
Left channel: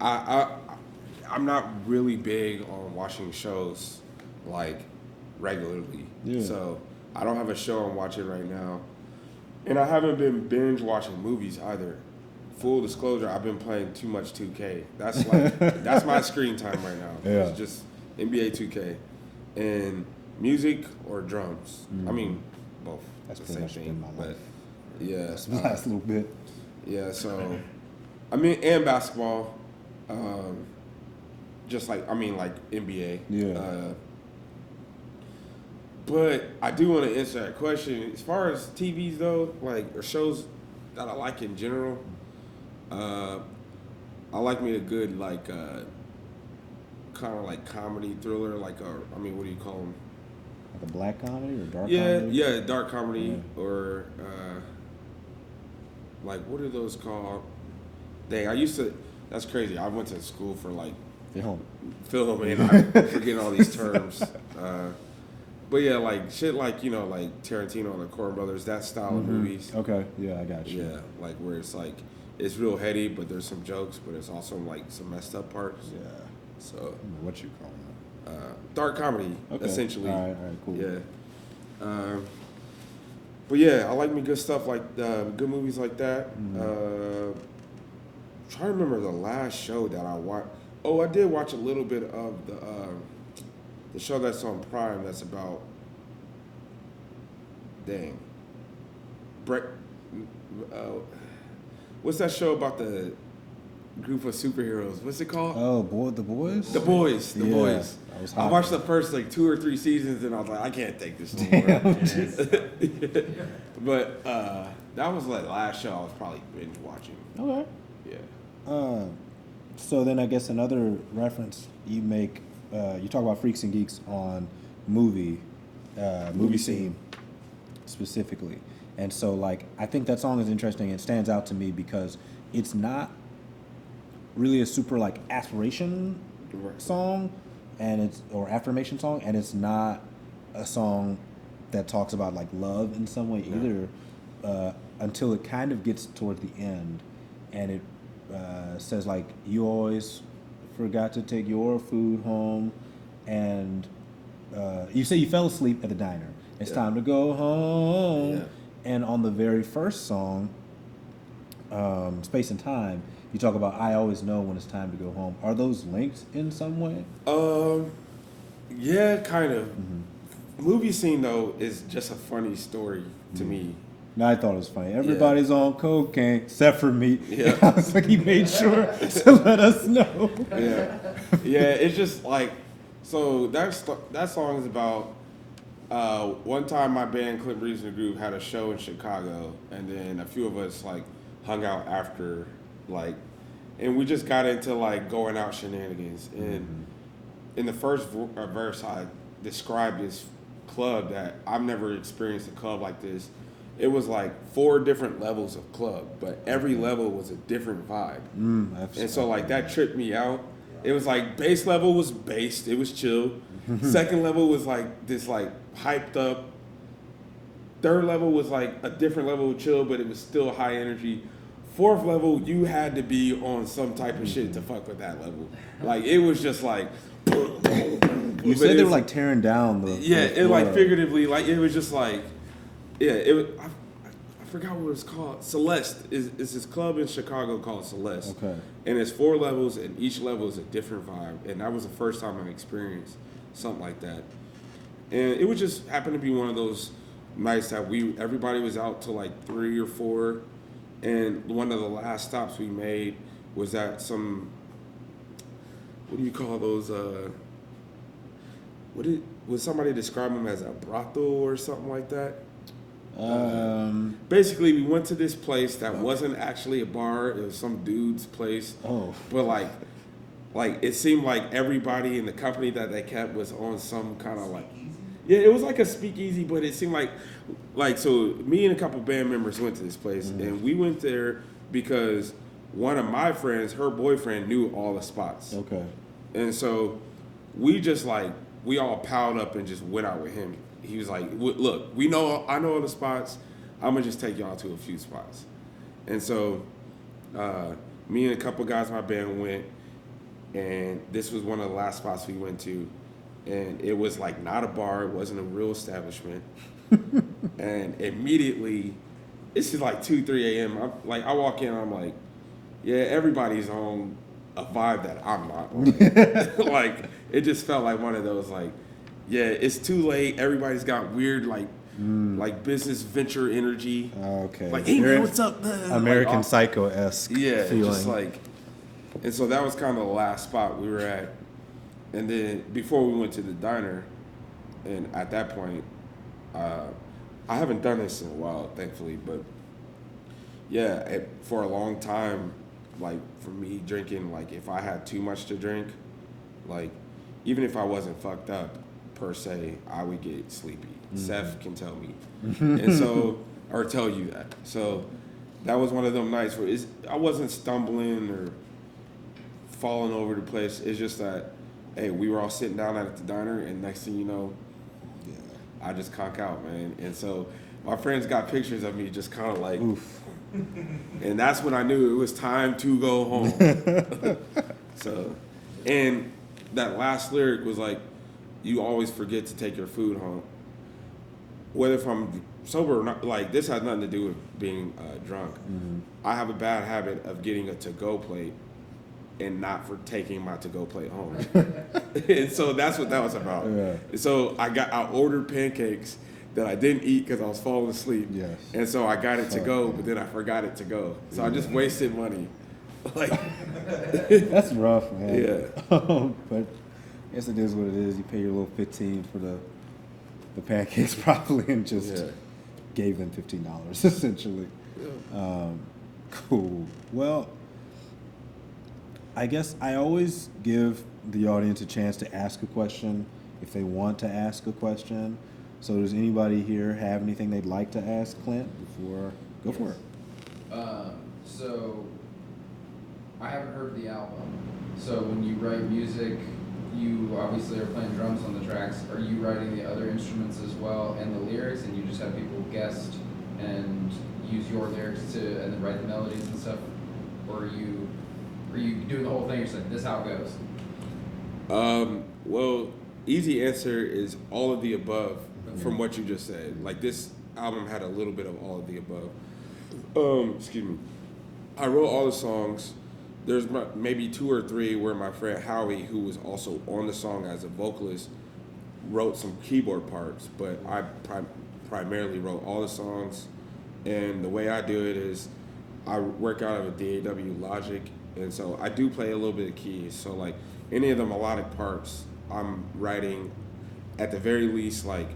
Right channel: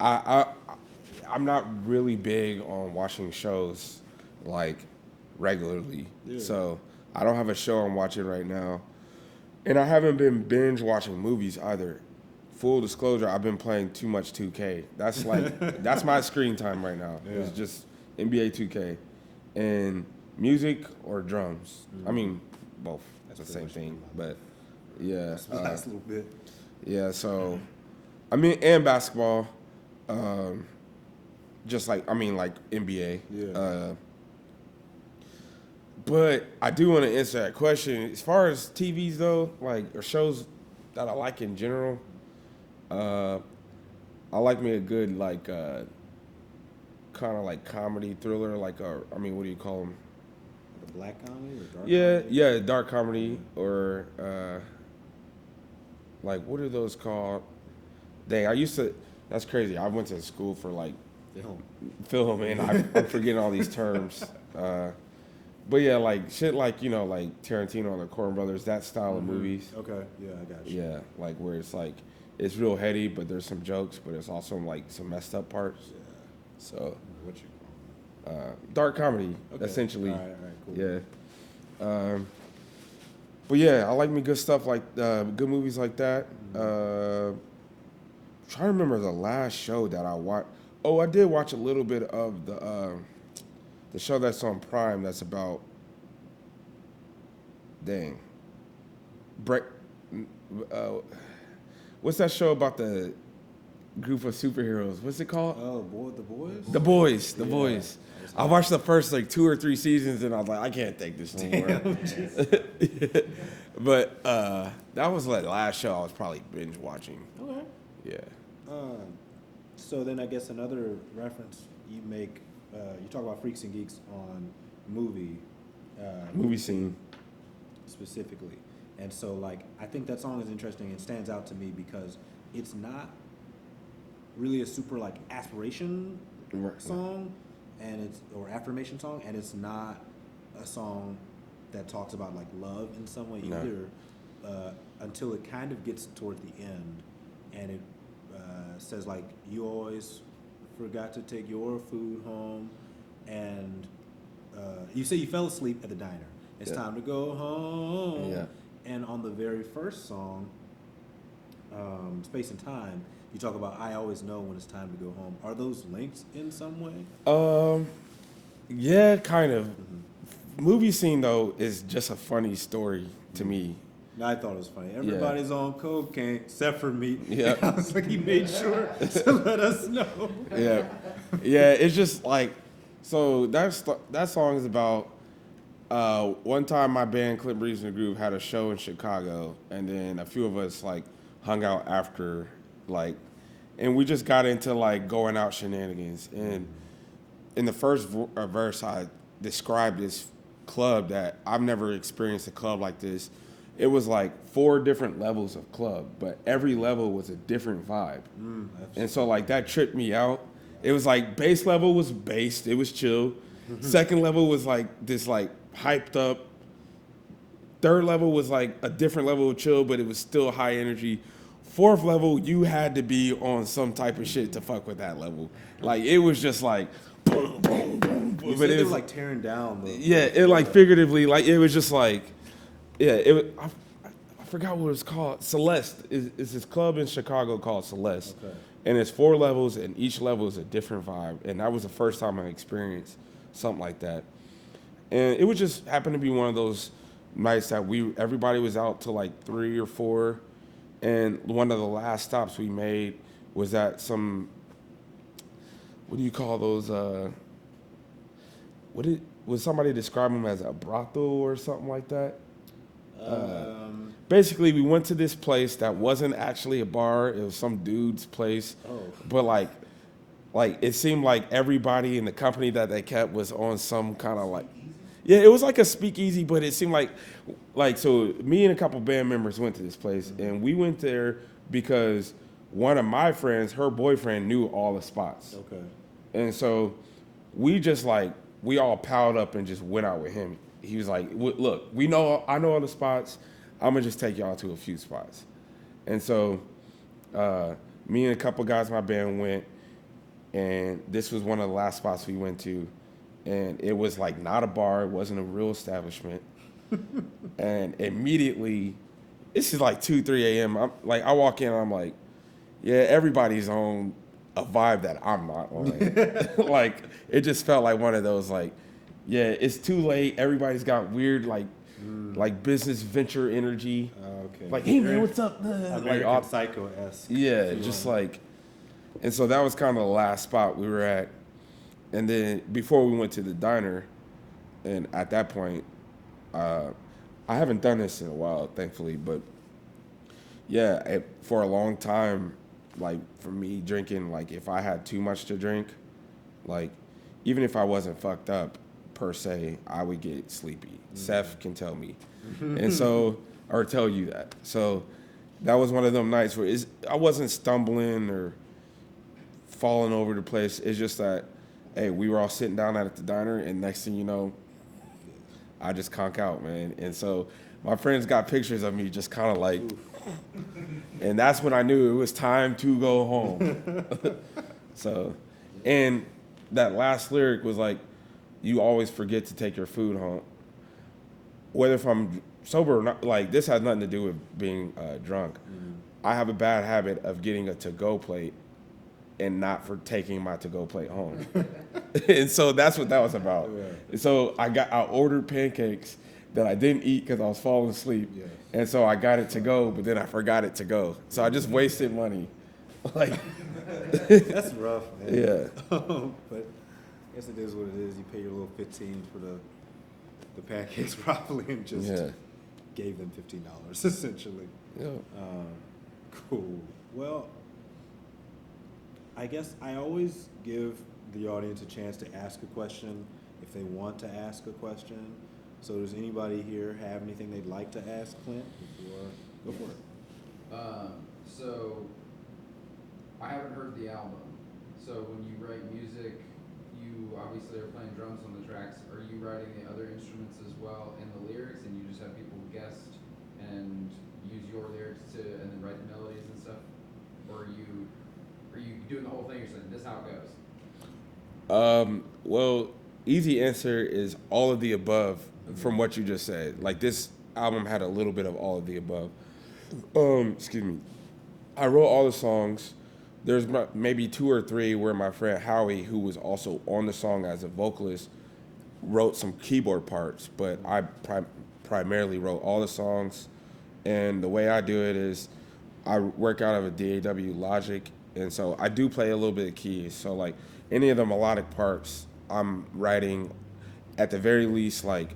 I'm not really big on watching shows like regularly. Yeah. So I don't have a show I'm watching right now, and I haven't been binge watching movies either. Full disclosure, I've been playing too much 2K. That's like that's my screen time right now. Yeah. It's just NBA 2K, and music or drums. I mean, both. That's the pretty same much thing. been my But life. yeah, That's the last little bit. yeah. So, I mean, and basketball. Just like like NBA. Yeah. But I do want to answer that question. As far as TVs though, like or shows that I like in general, I like me a good like kind of like comedy thriller, like I mean, what do you call them? Like a black comedy or dark Yeah, comedy? yeah, dark comedy or like what are those called? Dang, I used to. That's crazy. I went to school for like film, and I'm forgetting all these terms. But yeah, like shit, like like Tarantino and the Coen Brothers, that style of movies. Okay, yeah, I got you. Yeah, like where it's like it's real heady, but there's some jokes, but it's also like some messed up parts. Yeah. So What you call dark comedy, Okay. essentially. All right, cool. Yeah. But yeah, I like me good stuff like good movies like that. Try to remember the last show that I watched. Oh, I did watch a little bit of the show that's on Prime. That's about what's that show about the group of superheroes? What's it called? Oh, The Boys? The Boys. The Yeah, Boys. that was I hot. watched the first like 2 or 3 seasons, and I was like, I can't take this anymore. But that was like last show I was probably binge watching. Okay. Yeah. So then I guess another reference you make, you talk about Freaks and Geeks on movie scene specifically. And so like, I think that song is interesting. It stands out to me because it's not really a super like aspiration song or affirmation song, and it's not a song that talks about like love in some way either, until it kind of gets toward the end, and it says like, you always forgot to take your food home, and you say you fell asleep at the diner. It's time to go home. Yeah. And on the very first song, Space and Time, you talk about I always know when it's time to go home. Are those linked in some way? Yeah, kind of. Movie scene though is just a funny story to me. No, I thought it was funny. Everybody's on cocaine except for me. Yeah. I was like, he made sure to let us know. Yeah, yeah. It's just like, so that song is about. One time, my band Clint Breeze and the Group had a show in Chicago, and then a few of us like hung out after, like, and we just got into like going out shenanigans. And in the first verse, I described this club that I've never experienced a club like this. It was like 4 different levels of club, but every level was a different vibe. And so like that tripped me out. It was like base level was based, it was chill. Second level was like this like hyped up. Third level was like a different level of chill, but it was still high energy. Fourth level, you had to be on some type of shit to fuck with that level. Like it was just like. You said they were like tearing down the. Yeah, the it like floor. figuratively, like it was just like, yeah, it was. I forgot what it's called. Celeste is this club in Chicago called Celeste. Okay. And it's 4 levels, and each level is a different vibe. And that was the first time I experienced something like that. And it would just happen to be one of those nights that everybody was out till like 3 or 4, and one of the last stops we made was at some. What do you call those? Would somebody describe them as a brothel or something like that? Basically, we went to this place that wasn't actually a bar. It was some dude's place. Oh. But like it seemed like everybody in the company that they kept was on some kind of like, yeah, it was like a speakeasy, but it seemed like so me and a couple band members went to this place, and we went there because one of my friends, her boyfriend, knew all the spots. Okay. And so we just like, we all piled up and just went out with him. He was like, look, I know all the spots. I'm going to just take y'all to a few spots. And so me and a couple guys in my band went, and this was one of the last spots we went to. And it was like not a bar. It wasn't a real establishment. And immediately, this is like 2, 3 a.m. I walk in and I'm like, yeah, everybody's on a vibe that I'm not on. Like, it just felt like one of those, like, yeah, it's too late. Everybody's got weird, like business venture energy. Okay. Like, hey, man, what's up? American Like, Psycho-esque. yeah, feeling. just like, and so that was kind of the last spot we were at. And then before we went to the diner, and at that point, I haven't done this in a while, thankfully, but yeah, for a long time, like for me drinking, like if I had too much to drink, like even if I wasn't fucked up per se, I would get sleepy. Seth can tell me, and so or tell you that. So that was one of them nights where I wasn't stumbling or falling over the place. It's just that, hey, we were all sitting down at the diner, and next thing you know, I just conk out, man. And so my friends got pictures of me just kind of like, and that's when I knew it was time to go home. So, and that last lyric was like, you always forget to take your food home. Whether if I'm sober or not, like this has nothing to do with being drunk. I have a bad habit of getting a to-go plate and not for taking my to-go plate home. And so that's what that was about. Yeah. So I ordered pancakes that I didn't eat because I was falling asleep. Yes. And so I got it to go, but then I forgot it to go. So I just wasted money. Like, That's rough, man. Yeah. But I guess it is what it is. You pay your little 15 for the pancakes probably and just Yeah. gave them $15 essentially. Yeah. Cool. Well, I guess I always give the audience a chance to ask a question if they want to ask a question. So does anybody here have anything they'd like to ask Clint before? Go for it. So I haven't heard the album. So when you write music, you obviously are playing drums on the tracks. Are you writing the other instruments as well and the lyrics, and you just have people guest and use your lyrics and then write the melodies and stuff? Or are you doing the whole thing? You're just like, this is how it goes. Well, easy answer is all of the above from what you just said. Like this album had a little bit of all of the above. Excuse me. I wrote all the songs. There's maybe 2 or 3 where my friend Howie, who was also on the song as a vocalist, wrote some keyboard parts, but I primarily wrote all the songs. And the way I do it is I work out of a DAW Logic, and so I do play a little bit of keys. So like any of the melodic parts, I'm writing at the very least like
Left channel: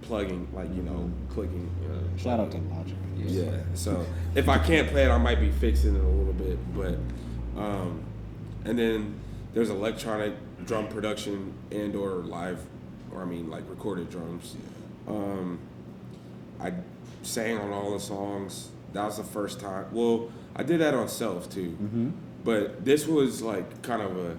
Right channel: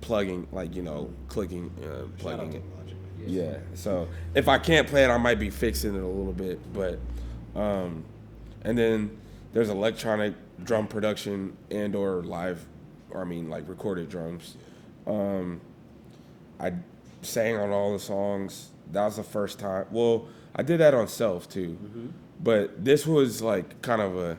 plugging, like, you know, clicking. Shout out to plugging. Logic. Yeah. So if I can't play it, I might be fixing it a little bit. But and then there's electronic drum production and or live, or I mean like recorded drums. I sang on all the songs. That was the first time. Well, I did that on Self too. But this was like kind of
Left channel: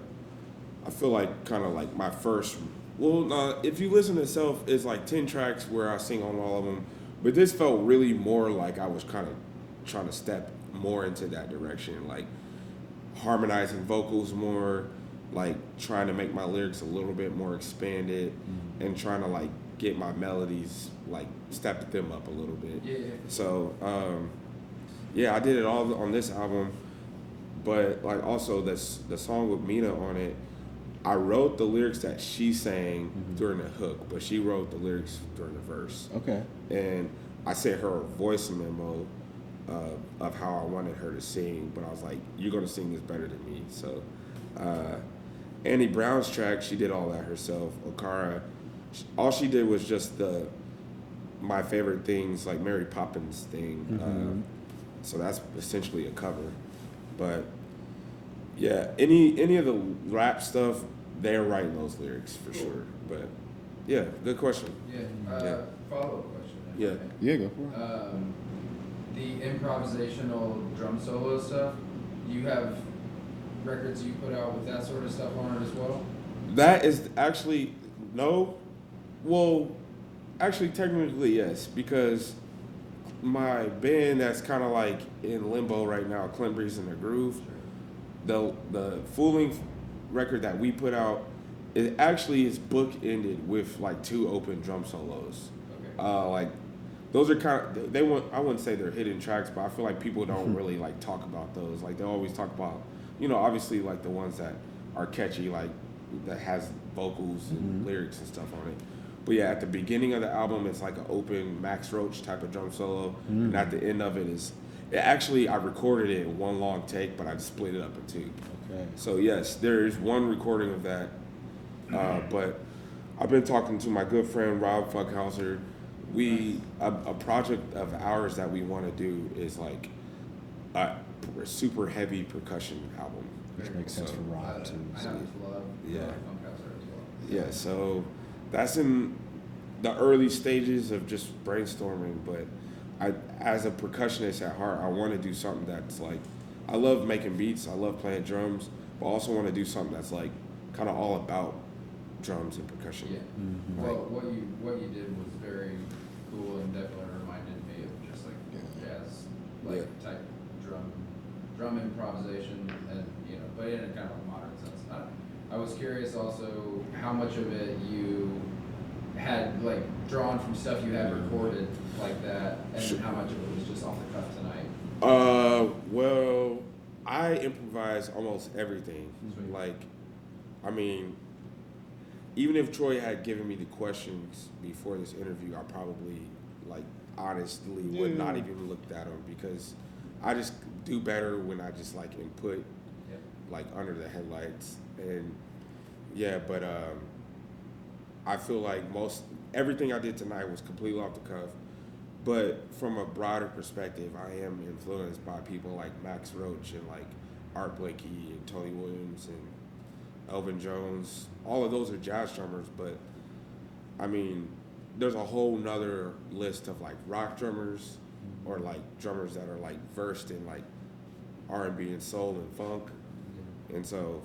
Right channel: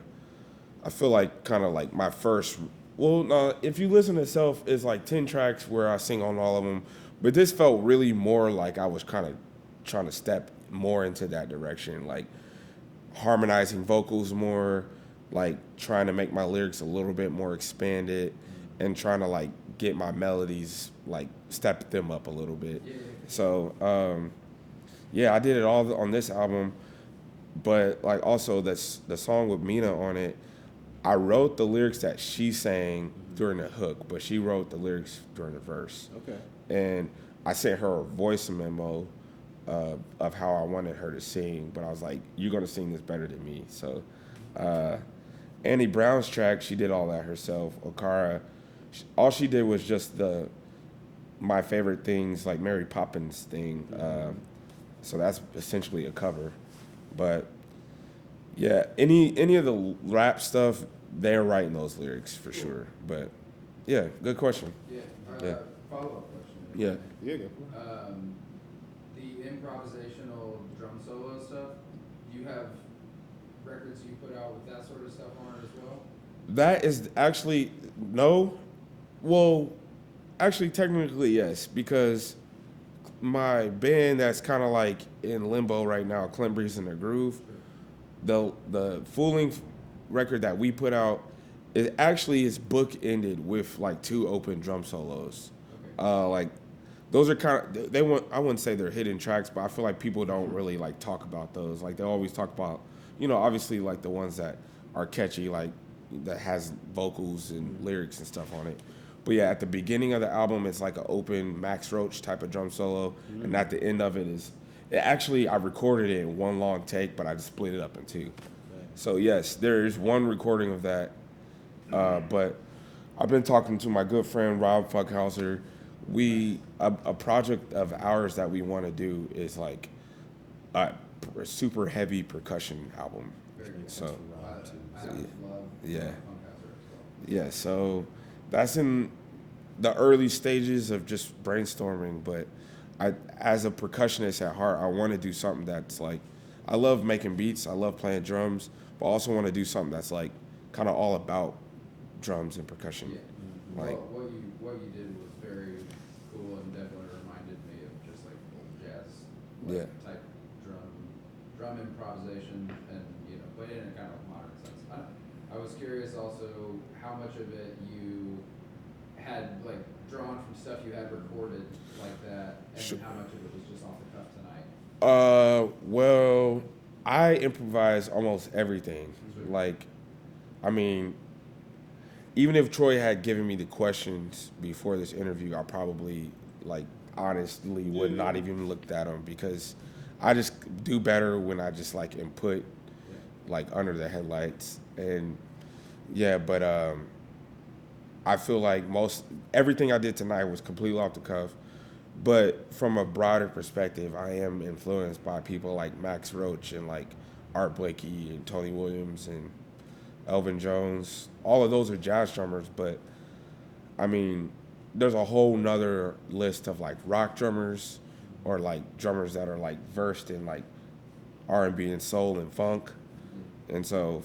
I feel like kind of like my first. Well, no, if you listen to Self, it's like 10 tracks where I sing on all of them. But this felt really more like I was kind of trying to step more into that direction, like harmonizing vocals more, like trying to make my lyrics a little bit more expanded, and trying to like get my melodies, like step them up a little bit. Yeah. So, yeah, I did it all on this album, but like also the song with Mina on it, I wrote the lyrics that she sang during the hook, but she wrote the lyrics during the verse. Okay. And I sent her a voice memo of how I wanted her to sing, but I was like, you're going to sing this better than me. So Annie Brown's track, she did all that herself. Okara, all she did was just my favorite things, like Mary Poppins thing. So that's essentially a cover. But yeah, any of the rap stuff, they're writing those lyrics for sure. But yeah, good question. Yeah. Yeah. Follow-up question. Yeah. Yeah, go for it. The improvisational drum solo stuff, you have records you put out with that sort of stuff on it as well? That is actually, no. Well, actually, technically, yes, because my band that's kind of like in limbo right now, Clint Breeze in the Groove, the full-length record that we put out, it actually is book-ended with like 2 open drum solos. Okay. Like those are kind of I wouldn't say they're hidden tracks, but I feel like people don't really like talk about those. Like they always talk about, you know, obviously like the ones that are catchy, like that has vocals and lyrics and stuff on it. But yeah, at the beginning of the album, it's like an open Max Roach type of drum solo, and at the end of it is, actually I recorded it in one long take, but I just split it up in 2. Okay. So yes, there is one recording of that, but I've been talking to my good friend Rob Fuckhauser. A project of ours that we want to do is like a super heavy percussion album. Which makes So, sense for Rob too. I So. have love Yeah. Funkhouse. Yeah, so that's in the early stages of just brainstorming. But as a percussionist at heart, I want to do something that's like, I love making beats, I love playing drums, but I also want to do something that's like kind of all about drums and percussion. Yeah. Mm-hmm. Well, what you did was very cool and definitely reminded me of just like jazz, like type drum improvisation, and but in a kind of modern sense. I was curious also how much of it you had like drawn from stuff you had recorded like that, and how much of it was just off the cuff tonight. Well, I improvise almost everything. Sweet. Like, I mean, even if Troy had given me the questions before this interview, I probably, like, honestly would not even looked at them, because I just do better when I just like input, like under the headlights. And yeah, but I feel like everything I did tonight was completely off the cuff. But from a broader perspective, I am influenced by people like Max Roach and like Art Blakey and Tony Williams and Elvin Jones. All of those are jazz drummers, but I mean, there's a whole nother list of like rock drummers, or like drummers that are like versed in like R&B and soul and funk. And so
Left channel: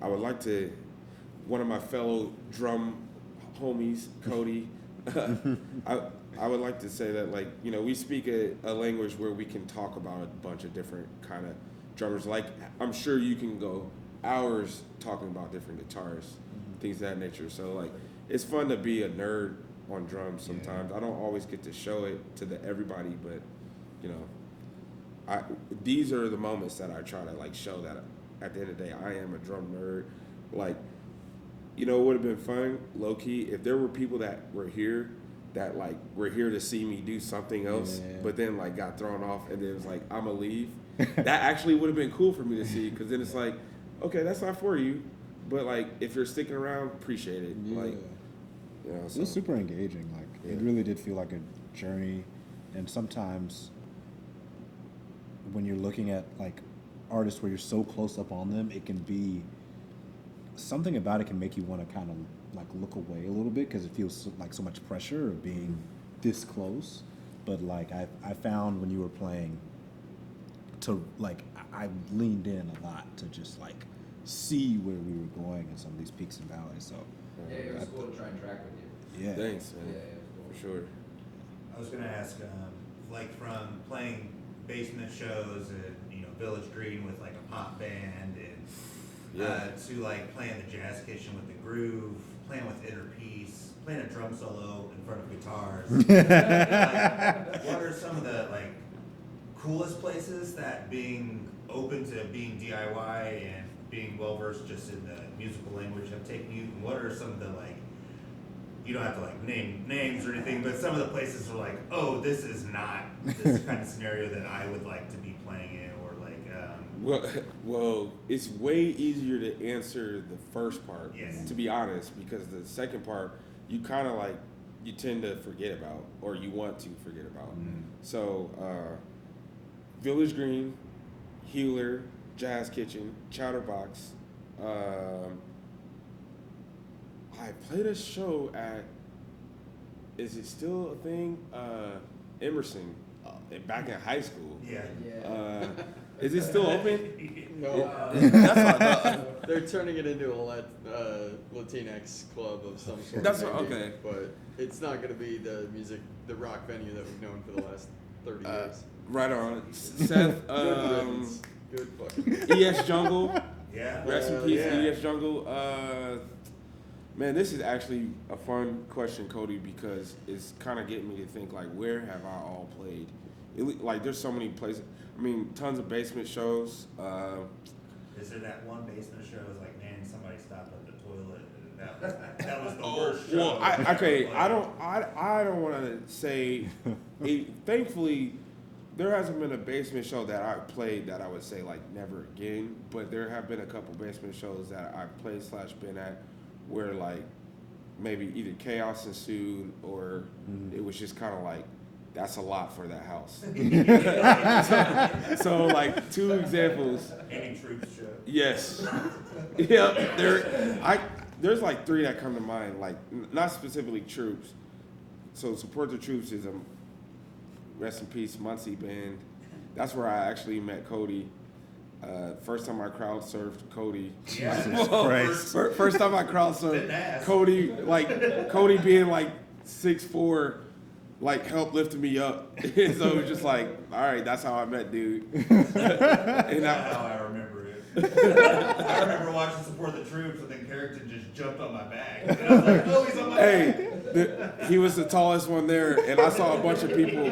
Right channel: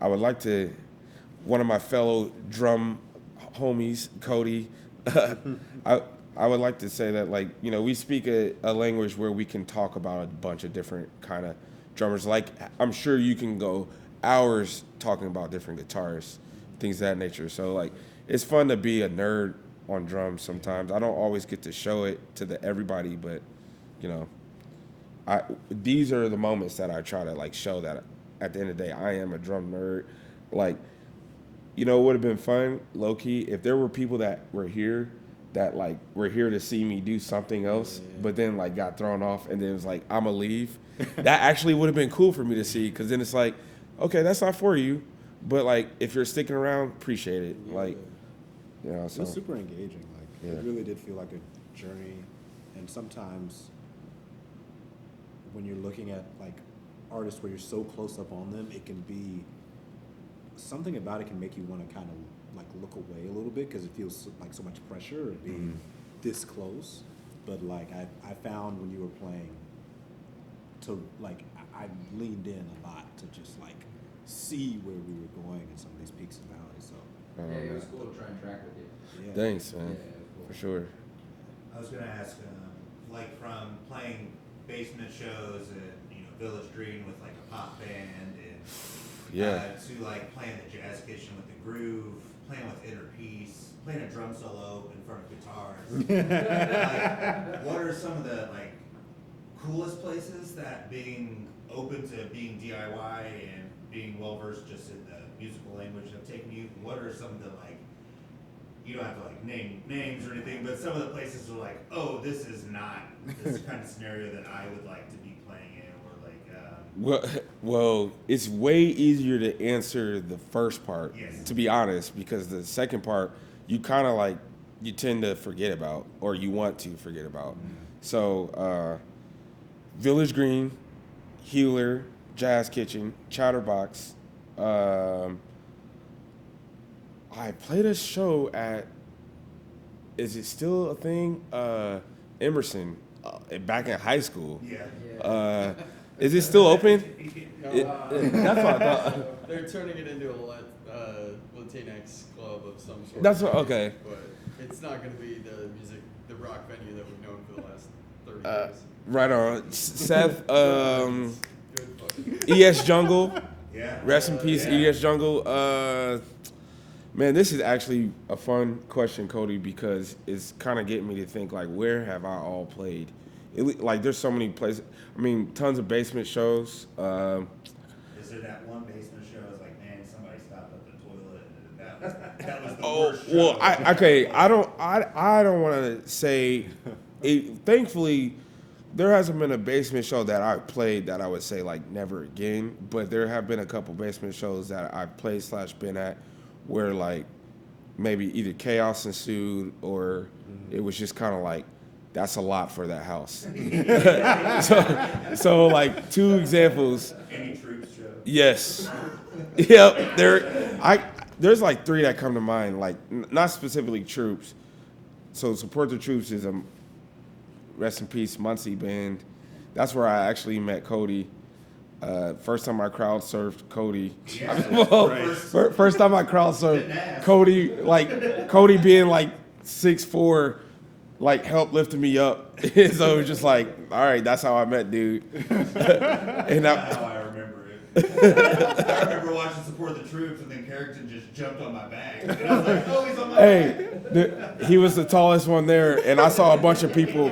I would like to, one of my fellow drum homies, Cody, I would like to say that, like, we speak a language where we can talk about a bunch of different kind of drummers. Like, I'm sure you can go hours talking about different guitars, things of that nature. So, like, it's fun to be a nerd on drums sometimes. I don't always get to show it to everybody, but, these are the moments that I try to, like, show that at the end of the day, I am a drum nerd. Like, it would have been fun, low-key, if there were people that were here that, like, were here to see me do something else, but then, like, got thrown off, and then it was like, I'm going to leave. That actually would have been cool for me to see, because then it's like, okay, that's not for you, but, like, if you're sticking around, appreciate it. Like, It was super engaging. Like, it really did feel like a journey. And sometimes when you're looking at, like, artists where you're so close up on them, it can be, something about it can make you want to kind of, like, look away a little bit, because it feels like so much pressure of being this close. But, like, I found when you were playing, to, like, I leaned in a lot to just, like, see where we were going in some of these peaks and valleys. So It was cool to try and track with you. yeah. Thanks, man. Yeah, it was cool. For sure. I was going to ask, like, from playing basement shows at, Village Green with, like, a pop band, and to, like, playing the Jazz Kitchen with the groove, playing with Inner Peace, playing a drum solo in front of guitars. Like, what are some of the, like, coolest places that being open to being DIY and being well-versed just in the musical language have taken you? And what are some of the, like, you don't have to, like, name names or anything, but some of the places are like, oh, this is not this kind of scenario that I would like to be playing in, or like, Well, it's way easier to answer the first part, to be honest, because the second part, you kind of like, you tend to forget about, or you want to forget about. So, Village Green, Healer, Jazz Kitchen, Chatterbox. I played a show at, is it still a thing? Emerson, back in high school. yeah. Is it still open? That's what I thought. They're turning it into a Latinx club of some sort. That's what, okay. But it's not going to be the rock venue that we've known for the last 30 years. Right on. Seth, Good fucking. ES Jungle. Yeah. Rest in peace, yeah. ES Jungle. Man, this is actually a fun question, Cody, because it's kind of getting me to think, like, where have I all played? Like, there's so many places. I mean, tons of basement shows. Is there that one basement show? I was like, man, somebody stopped at the toilet. That was the worst show. Well, I don't want to say. Thankfully, there hasn't been a basement show that I've played that I would say, like, never again. But there have been a couple basement shows that I've played / been at where, like, maybe either chaos ensued or it was just kind of like, that's a lot for that house. so like, two examples. Any Troops show. Yes. Yep. there's like three that come to mind, like not specifically troops. So Support the Troops is a rest in peace Muncie band. That's where I actually met Cody. First time I crowd surfed Cody. First time I crowd surfed Cody, like Cody being like 6'4", like helped lifting me up. And so it was just like, all right, that's how I met dude. And Now I remember it. I remember watching Support the Troops, and then Carrington just jumped on my back. And I was like, oh, he's on my back. he was the tallest one there, and I saw a bunch of people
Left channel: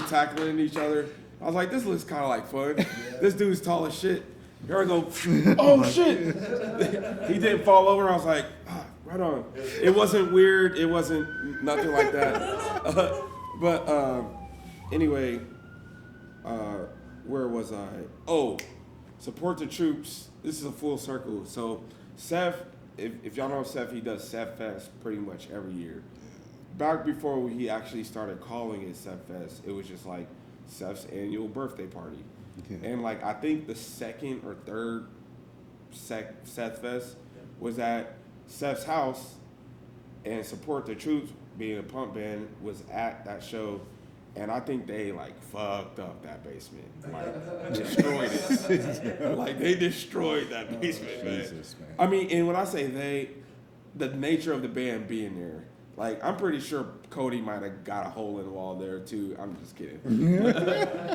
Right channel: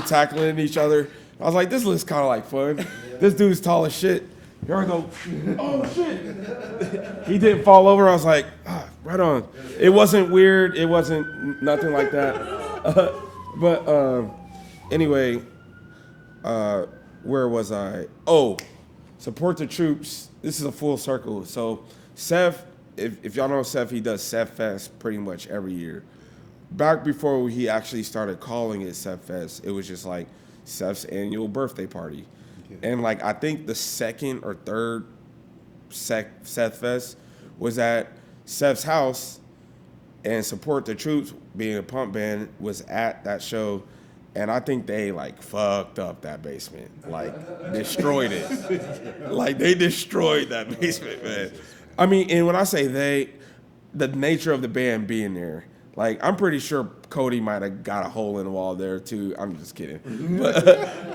tackling each other. I was like, this looks kind of like fun. Yeah. This dude's tall as shit. Here I go. Oh shit! He didn't fall over. I was like, right on. It wasn't weird. It wasn't nothing like that. But anyway, where was I? Oh, Support the Troops. This is a full circle. So Seth, if y'all know Seth, he does Seth Fest pretty much every year. Back before he actually started calling it Seth Fest, it was just like Seth's annual birthday party. Okay. And like I think the second or third Seth Fest was at Seth's house, and Support the Troops, being a punk band, was at that show, and I think they like fucked up that basement, like destroyed it. Like they destroyed that basement, man. I mean, and when I say they, the nature of the band being there, like I'm pretty sure Cody might have got a hole in the wall there too. I'm just kidding.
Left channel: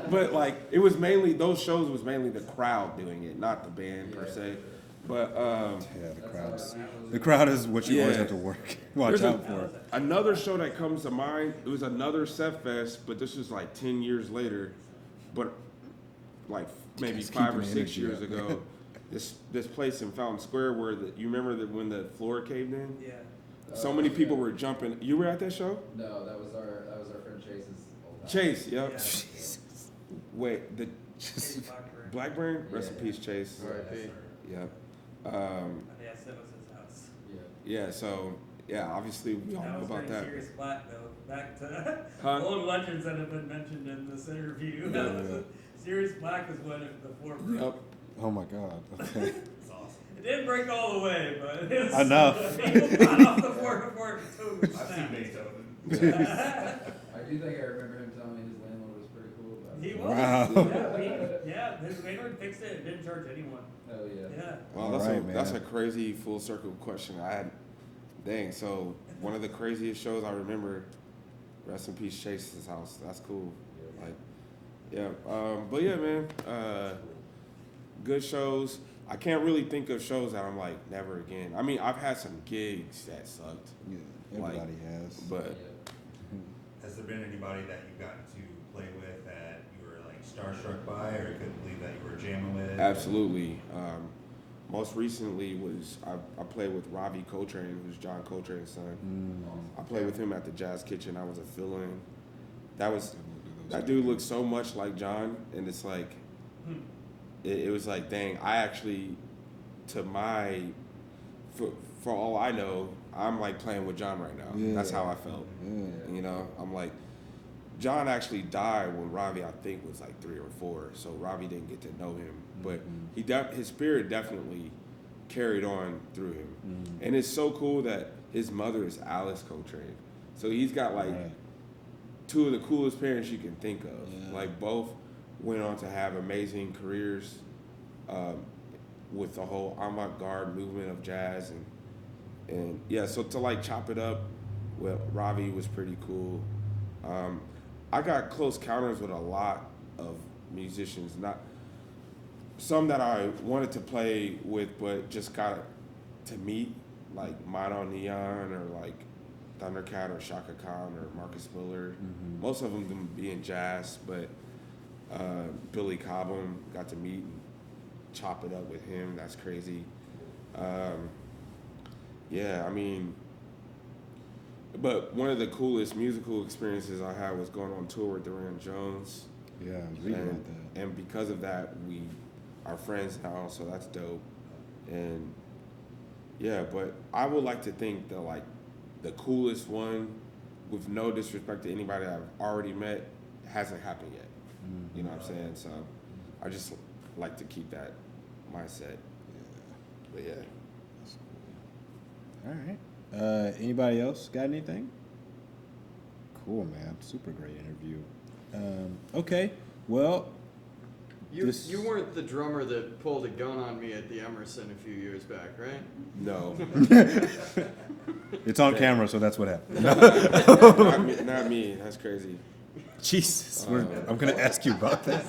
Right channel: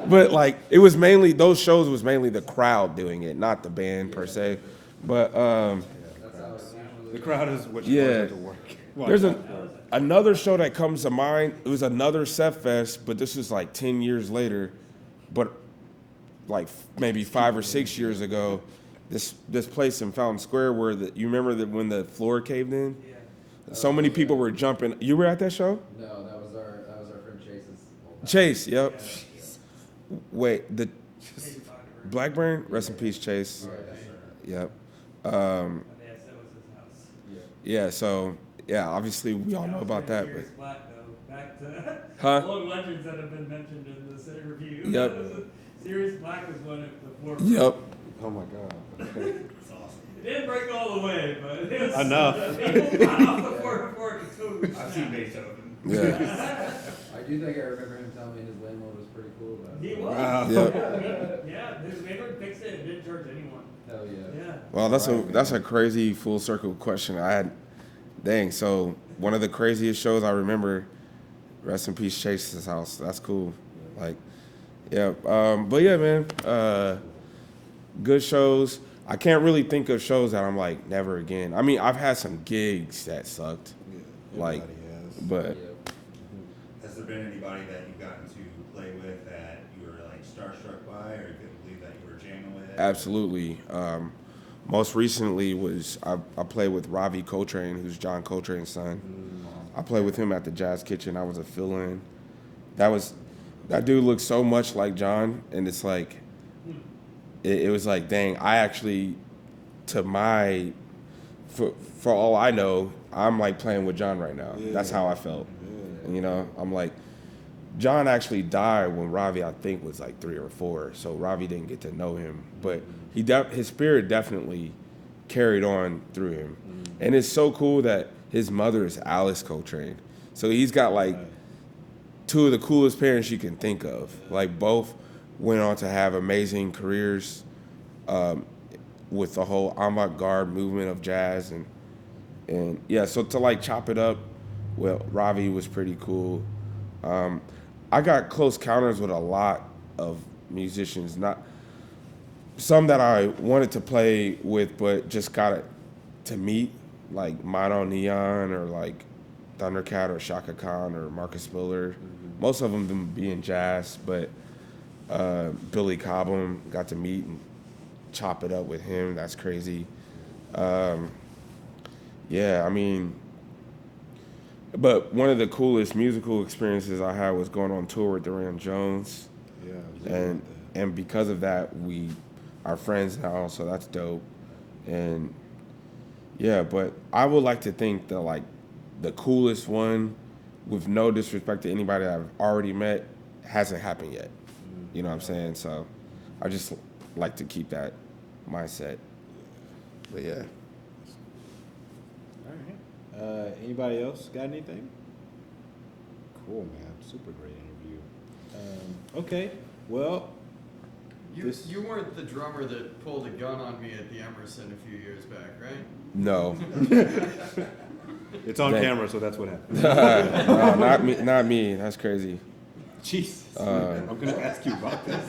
But like it was mainly, those shows was mainly the crowd doing it, not the band per se. But the crowd is what you always have to work. There's another show that comes to mind. It was another Seth Fest, but this was like 10 years later. But like maybe 5 or 6 years ago, this place in Fountain Square where you remember that when the floor caved in? Yeah. So many people were jumping. You were at that show? No, that was our friend Chase's old house. Chase, yep. Yeah. Wait, the Blackburn? Rest in peace, Chase. Yep. Yeah, so obviously we all know about that. Sirius Black, though, back to old legends that have been mentioned in this interview. Yep. Sirius Black was one of the forefront. Yep. Oh my God. Okay. That's awesome. It didn't break all the way, but it was Enough. People got off the 4 I've seen Beethoven. Yeah. I do think I remember him telling me his landlord was pretty cool about it. He was. Wow. Yeah, his landlord fixed it and didn't charge anyone. Hell yeah. Yeah. Well, Right, that's a crazy full circle question. So one of the craziest shows I remember, rest in peace, Chase's house. That's cool. Like, yeah. But yeah, man. Good shows. I can't really think of shows that I'm like never again. I mean, I've had some gigs that sucked. Like, but Has there been anybody that you've gotten to play with that you were like starstruck by, or couldn't believe that you were jamming with? absolutely. Most recently was I played with Ravi Coltrane, who's John Coltrane's son. I played with him at the Jazz Kitchen. I was a fill-in. That dude looked so much like John, and it's like it was like, dang, I actually, for all I know, I'm like playing with John right now. Yeah. That's how I felt. Yeah. You know, I'm like, John actually died when Ravi, I think, was like 3 or 4. So Ravi didn't get to know him, but his spirit definitely carried on through him. And it's so cool that his mother is Alice Coltrane. So he's got like two of the coolest parents you can think of. Like both went on to have amazing careers with the whole avant-garde movement of jazz. And yeah, so to like chop it up, well, Ravi was pretty cool. I got close counters with a lot of musicians, not some that I wanted to play with, but just got to meet, like Mono Neon or like Thundercat or Shaka Khan or Marcus Miller. Most of them being jazz, but Billy Cobham, got to meet and chop it up with him. That's crazy. Yeah, I mean, but one of the coolest musical experiences I had was going on tour with Duran Jones. Yeah, and because of that, we are friends now, so that's dope. And yeah, but I would like to think that like the coolest one, with no disrespect to anybody that I've already met, hasn't happened yet. You know what I'm saying? So I just like to keep that mindset. But yeah. All right. Anybody else got anything? Cool, man. Super great interview. Okay. Well, You weren't the drummer that pulled a gun on me at the Emerson a few years back, right? No. it's on Man. camera, so that's what happened. No, not me. Not me. That's crazy. Jesus. I'm going to ask you about that.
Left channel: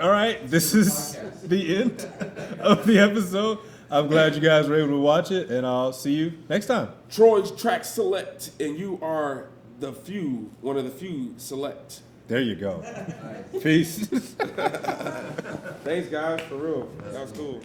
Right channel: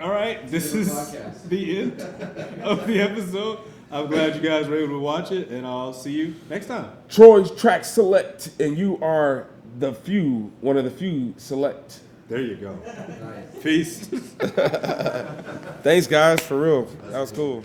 All right. This is Podcast. the end of the episode. I'm glad you guys were able to watch it, and I'll see you next time. Troy's track select, and you are one of the few select. There you go. Nice. Peace. Thanks, guys, for real. That was cool.